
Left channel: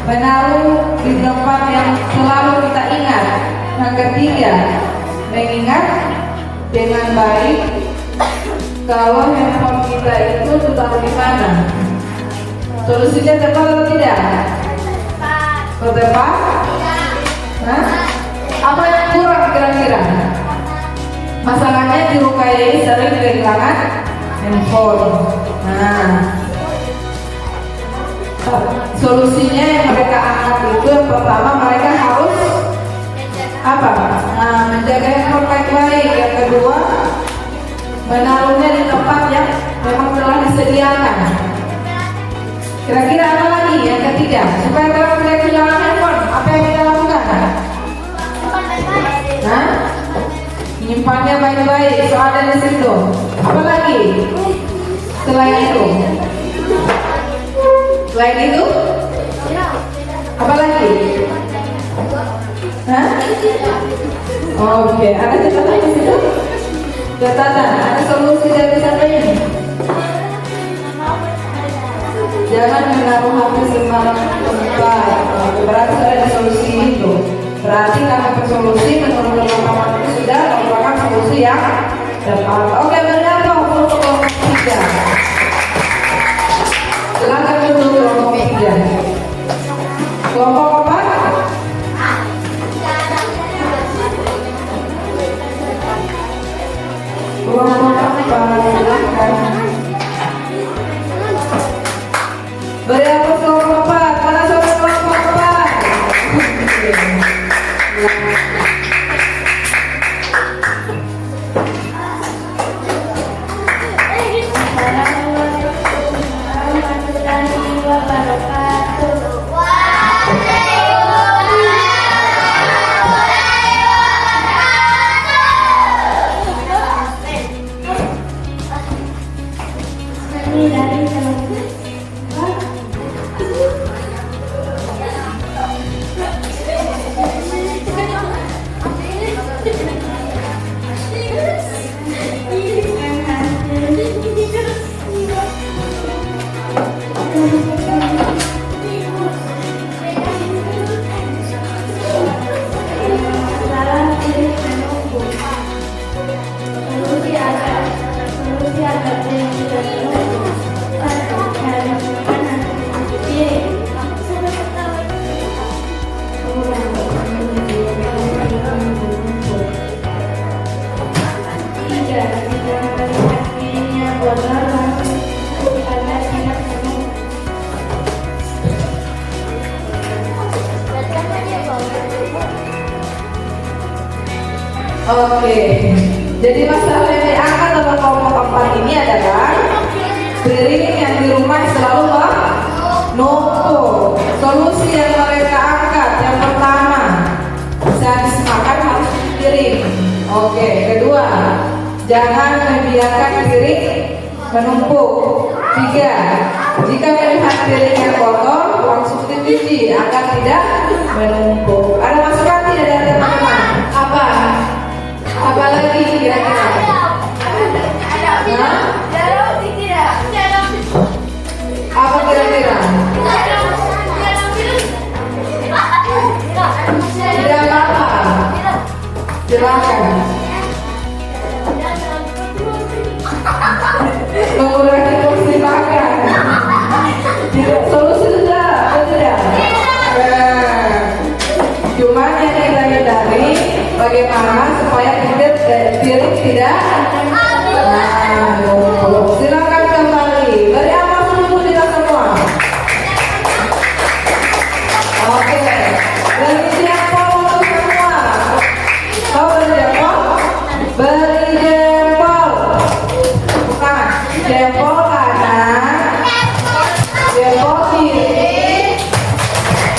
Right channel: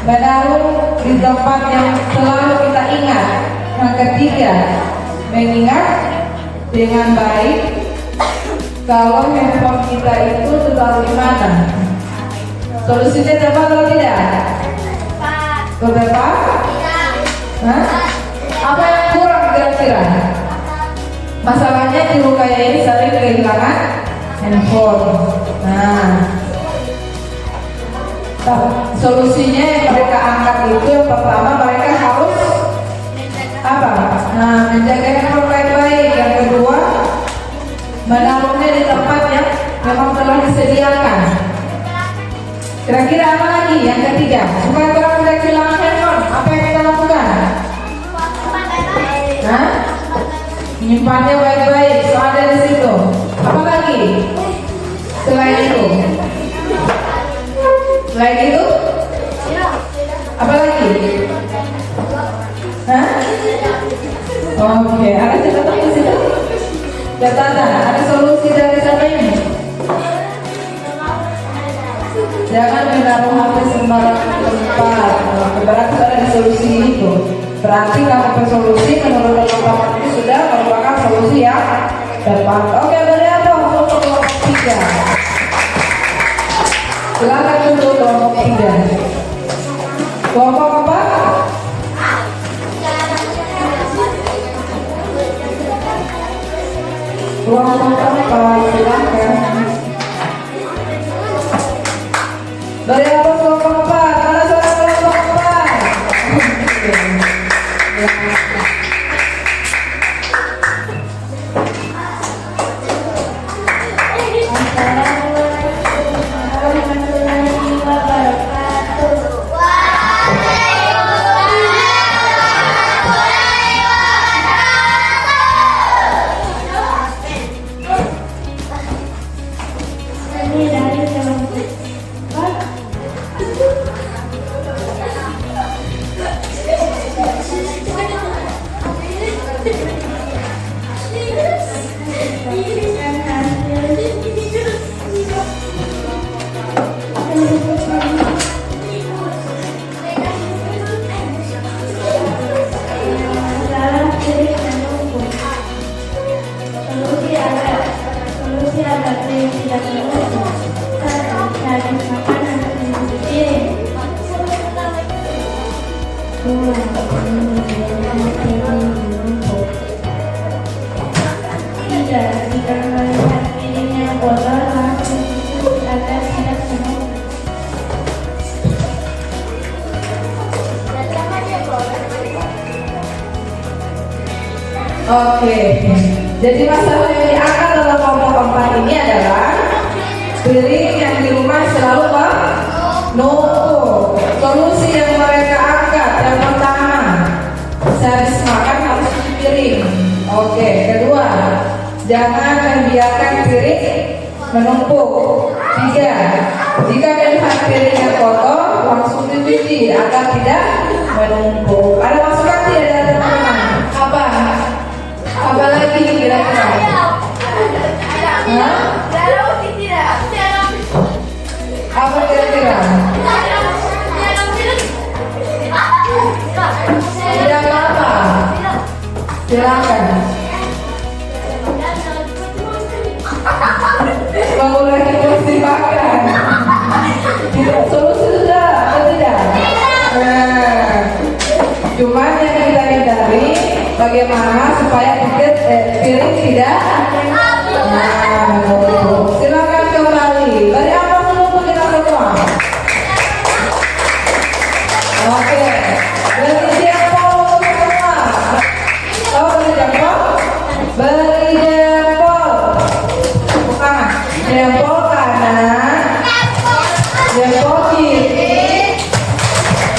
menaruh di tempat yang selalu kita ingat. Yang ketiga, mengingat dengan baik kalau handphone kita itu taruh di mana. Solusinya dapat atau tidak? Tepat? Nah, apa yang kurang kira-kira? Masalahnya di Rukaya ini sering kehilangan handphone. Nah, solusinya yang mereka angkat itu yang pertama, mereka harus apa? Nah, menjaga handphone baik-baik. Yang kedua, menaruhnya di tempat yang memang telah disediakan. Kira-kira apa lagi? Yang ketiga, supaya kalau tidak kehilangan handphone, apa yang kita lakukan? Nah, menyimpannya baik-baik, so ada di situ. Apa lagi? Selain itu, apa lagi? Hah? Oke, ada catatan di situ? Catatan, ada solusi dari sana ini. Jangan menaruh HP sembarang tempat. Berarti ada solusi itu. Berarti kalau solusi menurut teman-teman itu sudah merupakan solusi yang tepat. Oke, berapa untuk kelompok 3? Silakan dulu kelompok 3. Kelompok apa? Kelompok apa? Silakan. Beri apa kelompok 4? Mana suara kelompok 4? Oke, jadi masalah yang diangkat dalam kelompok 4 ini adalah piring yang di rumah selalu menumpuk. Solusi yang mereka angkat yang pertama, sehabis makan harus cuci piring. Oke, kedua, jangan membiarkan piring menumpuk. 3, jika melihat piring yang kotor langsung dicuci agar tidak menumpuk. Ada masukan tidak dari teman-teman? Apa lagi kira-kira? Hah? Apa kira-kira? Tidak apa? Silakan. Mengurangi porsi makan. Solusi sudah atau tidak? Cuman yang kita hindari bagaimana supaya piring tidak menumpuk. Silakan kembali. Beri aplaus dulu kita semua. Oke. Beri jempol untuk semua. Oh, beri jempol. Beri jempol. Bukan. Jempol kanan. Jempol kiri.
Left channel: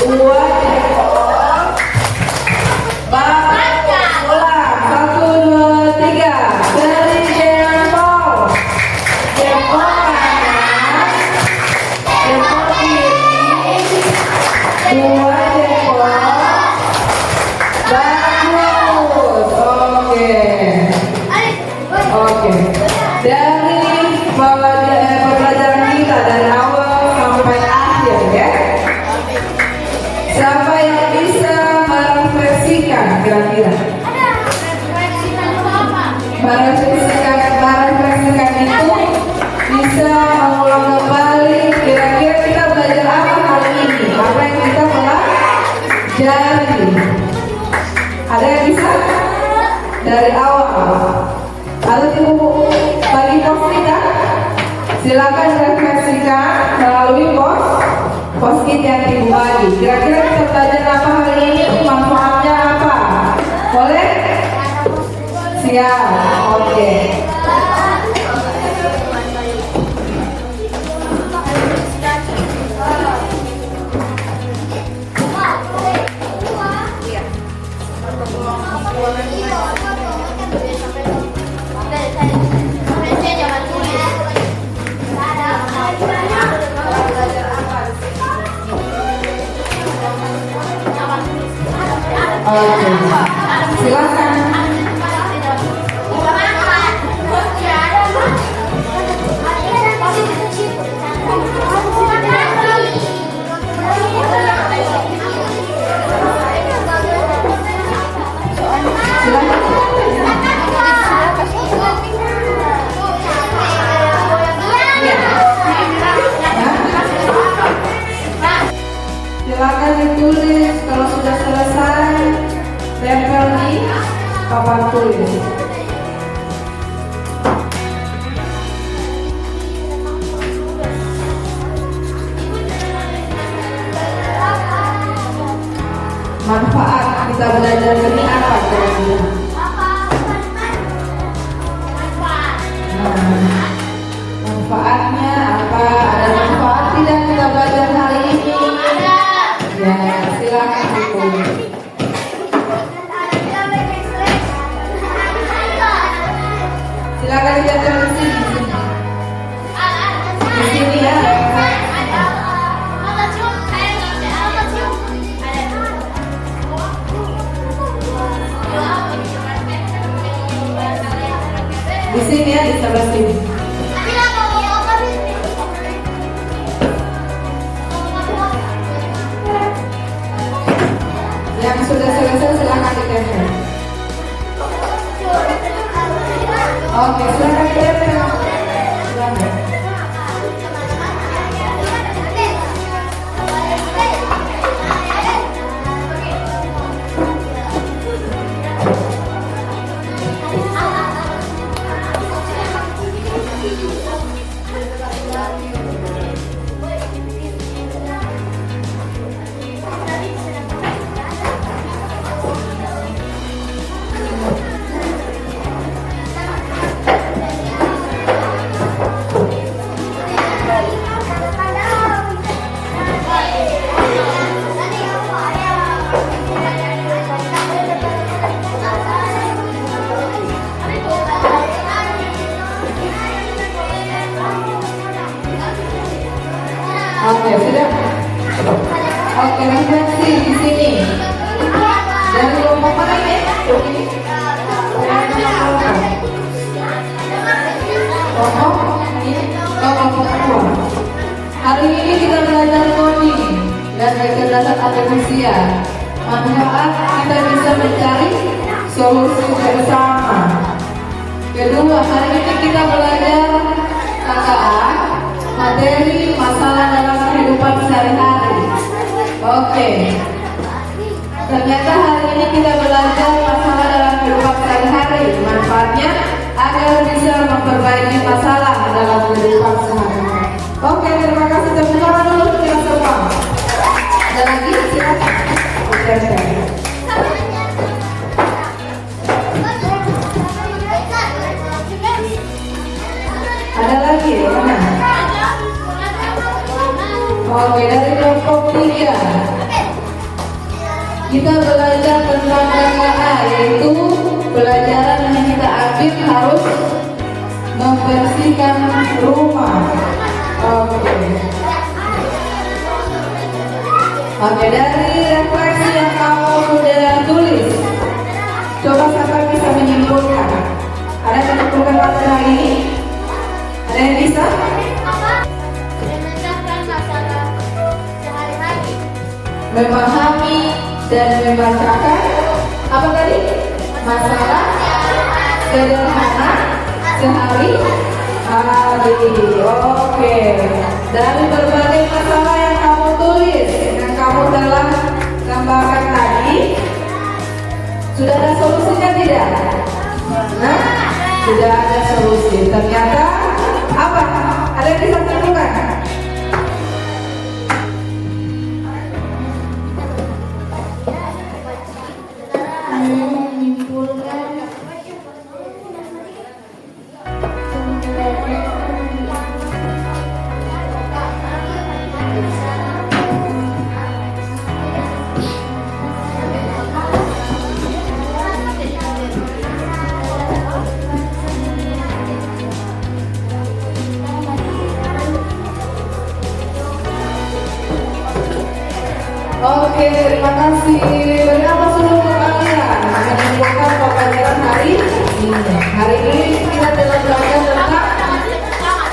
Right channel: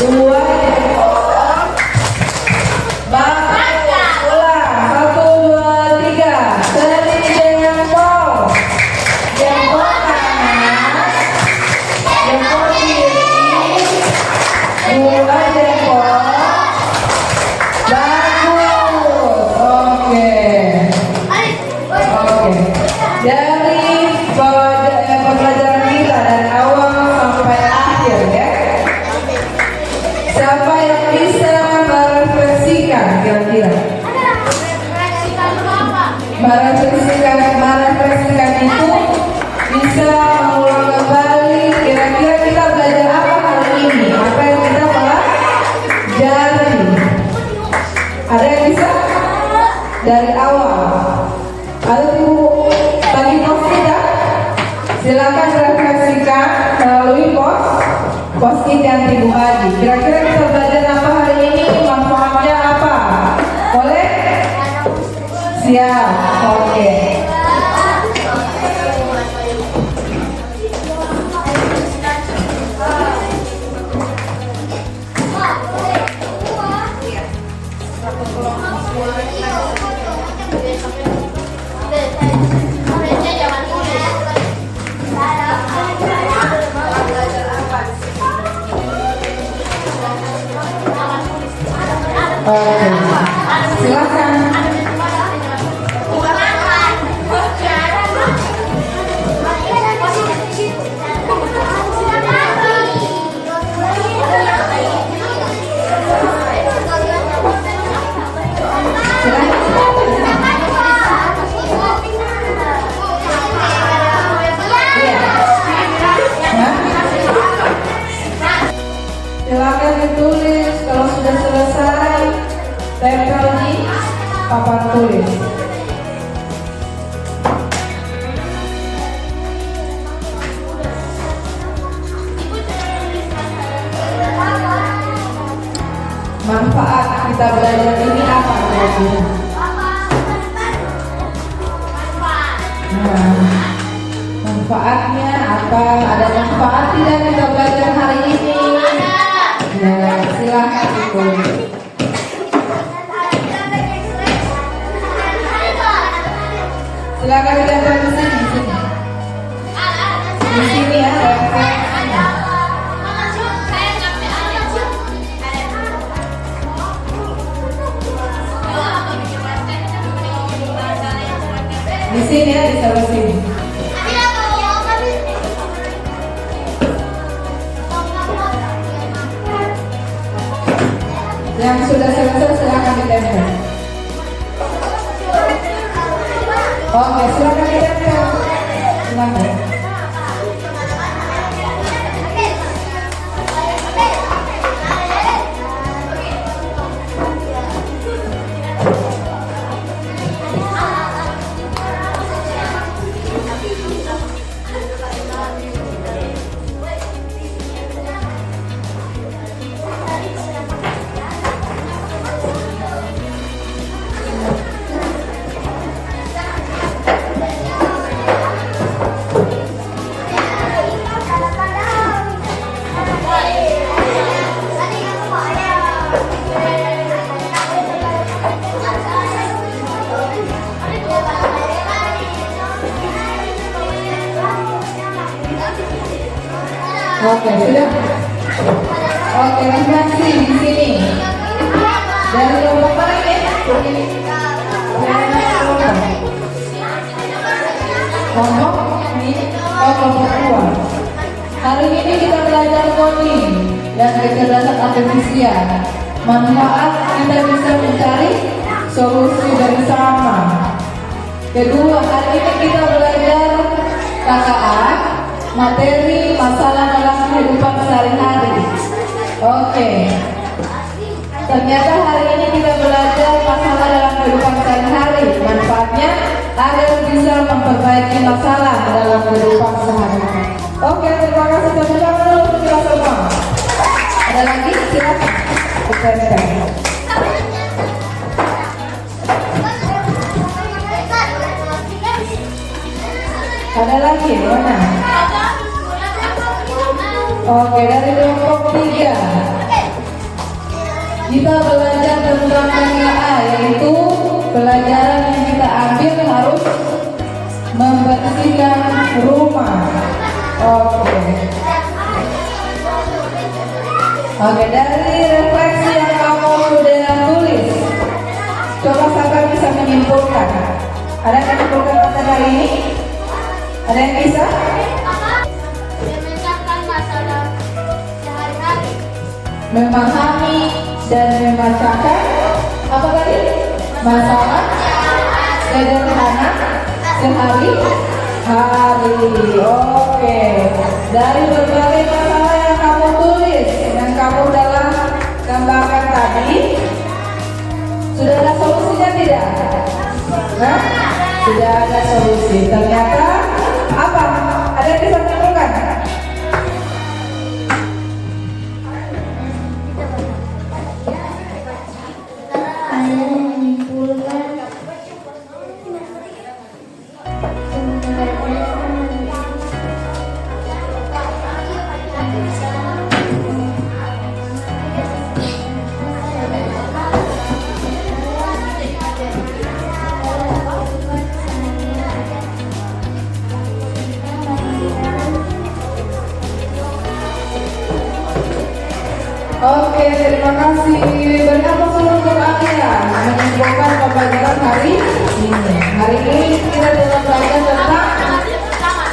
2 jempol. Merefleksikan itu bisa mengulang kembali kira-kira kita belajar apa kali ini, apa yang kita pelajari. Ada yang bisa dari awal? Ada ibu bagi pos kita? Silakan refleksikan melalui post-it yang ibu bagi. Kira-kira kita belajar apa hari ini? Manfaatnya apa? Boleh? Siap. Oke. Silakan. Silakan ditulis kalau sudah selesai, tempel di papan tulis. Manfaat kita belajar ini apa kira-kira? Manfaatnya apa? Ada manfaat tidak kita belajar hari ini? Ya, silakan ditulis. Silakan dicatat di sini. Di sini ya. Di sini ya, di sebelah sini. Yang sudah selesai silakan ditempel. Oke, silakan ditempel. Silakan. Oke, referensi di sini. Dari kelompok mana ini? Kelompok ini, kelompok dua. Hari ini kita belajar coding dan kecerdasan artifisial. Manfaat kita bisa mencari solusi bersama. Kedua, hari ini kita belajar KKA, materi masalah dalam kehidupan sehari-hari. Oke. Ternyata hari ini kita belajar masalah dalam kehidupan sehari-hari. Manfaatnya agar bisa memperbaiki masalah dalam kehidupan sehari-hari. Oke, terima kasih. Tepuk tangan dulu untuk kita semua. Ada lagi? Silakan. Oke. Ada lagi? Mana? Oke, dari kelompok 3 kita belajar tentang KKA, yaitu pelajaran yang kita ambil harus membersihkan rumah. Oke, dari refleksi yang kamu sudah tulis, coba sampai bisa menyimpulkan. Ada yang menyimpulkan materi hari ini? Ada yang bisa? Memahami dan membacakan apa tadi? Masalah sederhana sehari-hari. Oke. Dari berbagai masalah yang kamu tulis, yang kamu dalam gambarkan tadi, sudah ada solusinya tidak? Nah, sudah ada solusi. Ternyata apa? Ada yang bisa tentukan? Oke, terima kasih. Beri aplaus dulu untuk Alia menyimpulkan pembelajaran hari ini. Hari ini kita dalam belajar tentang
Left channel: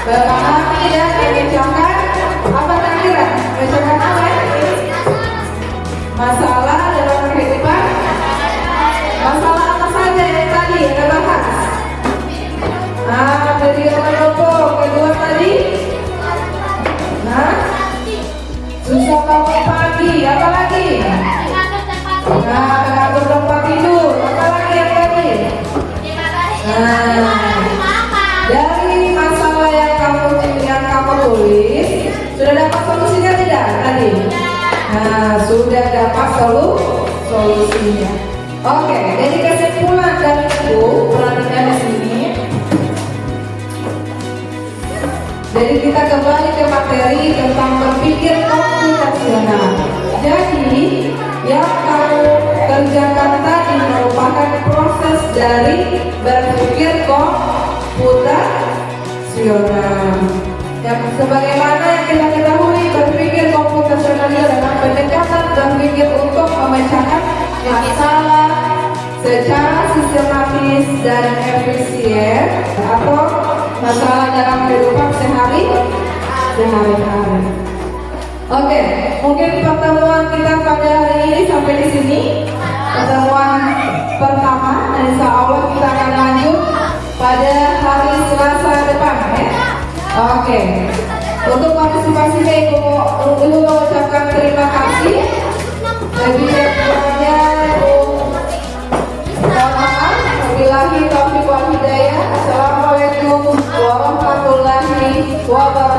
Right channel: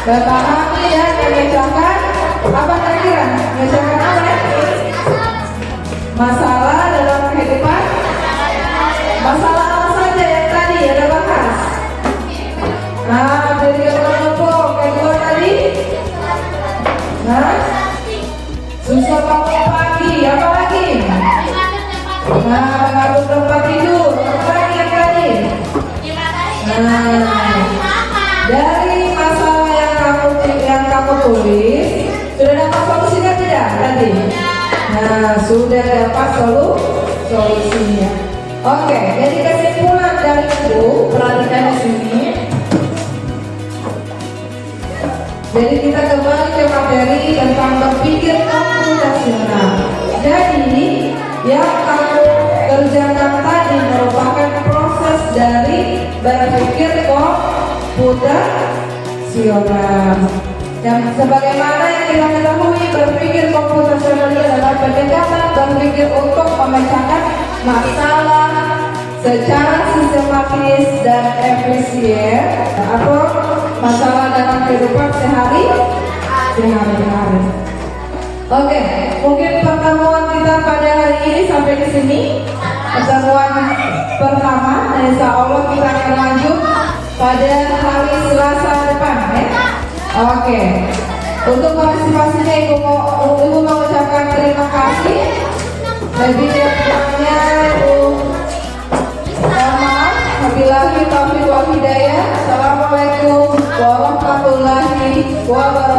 memahami dan memecahkan apa kira-kira? Memecahkan apa ya? Masalah dalam kehidupan. Masalah apa saja yang tadi kita bahas? Dari kelompok kedua tadi. Susah bangun pagi, apa lagi? Mengatur tempat tidur, apa lagi yang tadi? Dari masalah yang kamu tulis, sudah dapat solusinya tidak tadi? Sudah dapat solusinya. Oke, jadi kesimpulan dari itu, perhatikan di sini. Jadi kita kembali ke materi tentang berpikir komputasional. Jadi yang kamu kerjakan tadi merupakan proses dari berpikir komputasional. Dan sebagaimana yang kita ketahui, berpikir komputasional adalah pendekatan berpikir untuk memecahkan masalah secara sistematis dan efisien atau masalah dalam kehidupan sehari-hari. Oke, mungkin pertemuan kita pada hari ini sampai di sini. Pertemuan pertama, dan insya Allah kita akan lanjut pada hari Selasa depan, ya. Oke. Untuk partisipasinya Ibu mau ucapkan terima kasih. Lebih kurangnya Wabillahi taufiq wal hidayah. Assalamualaikum warahmatullahi wabarakatuh.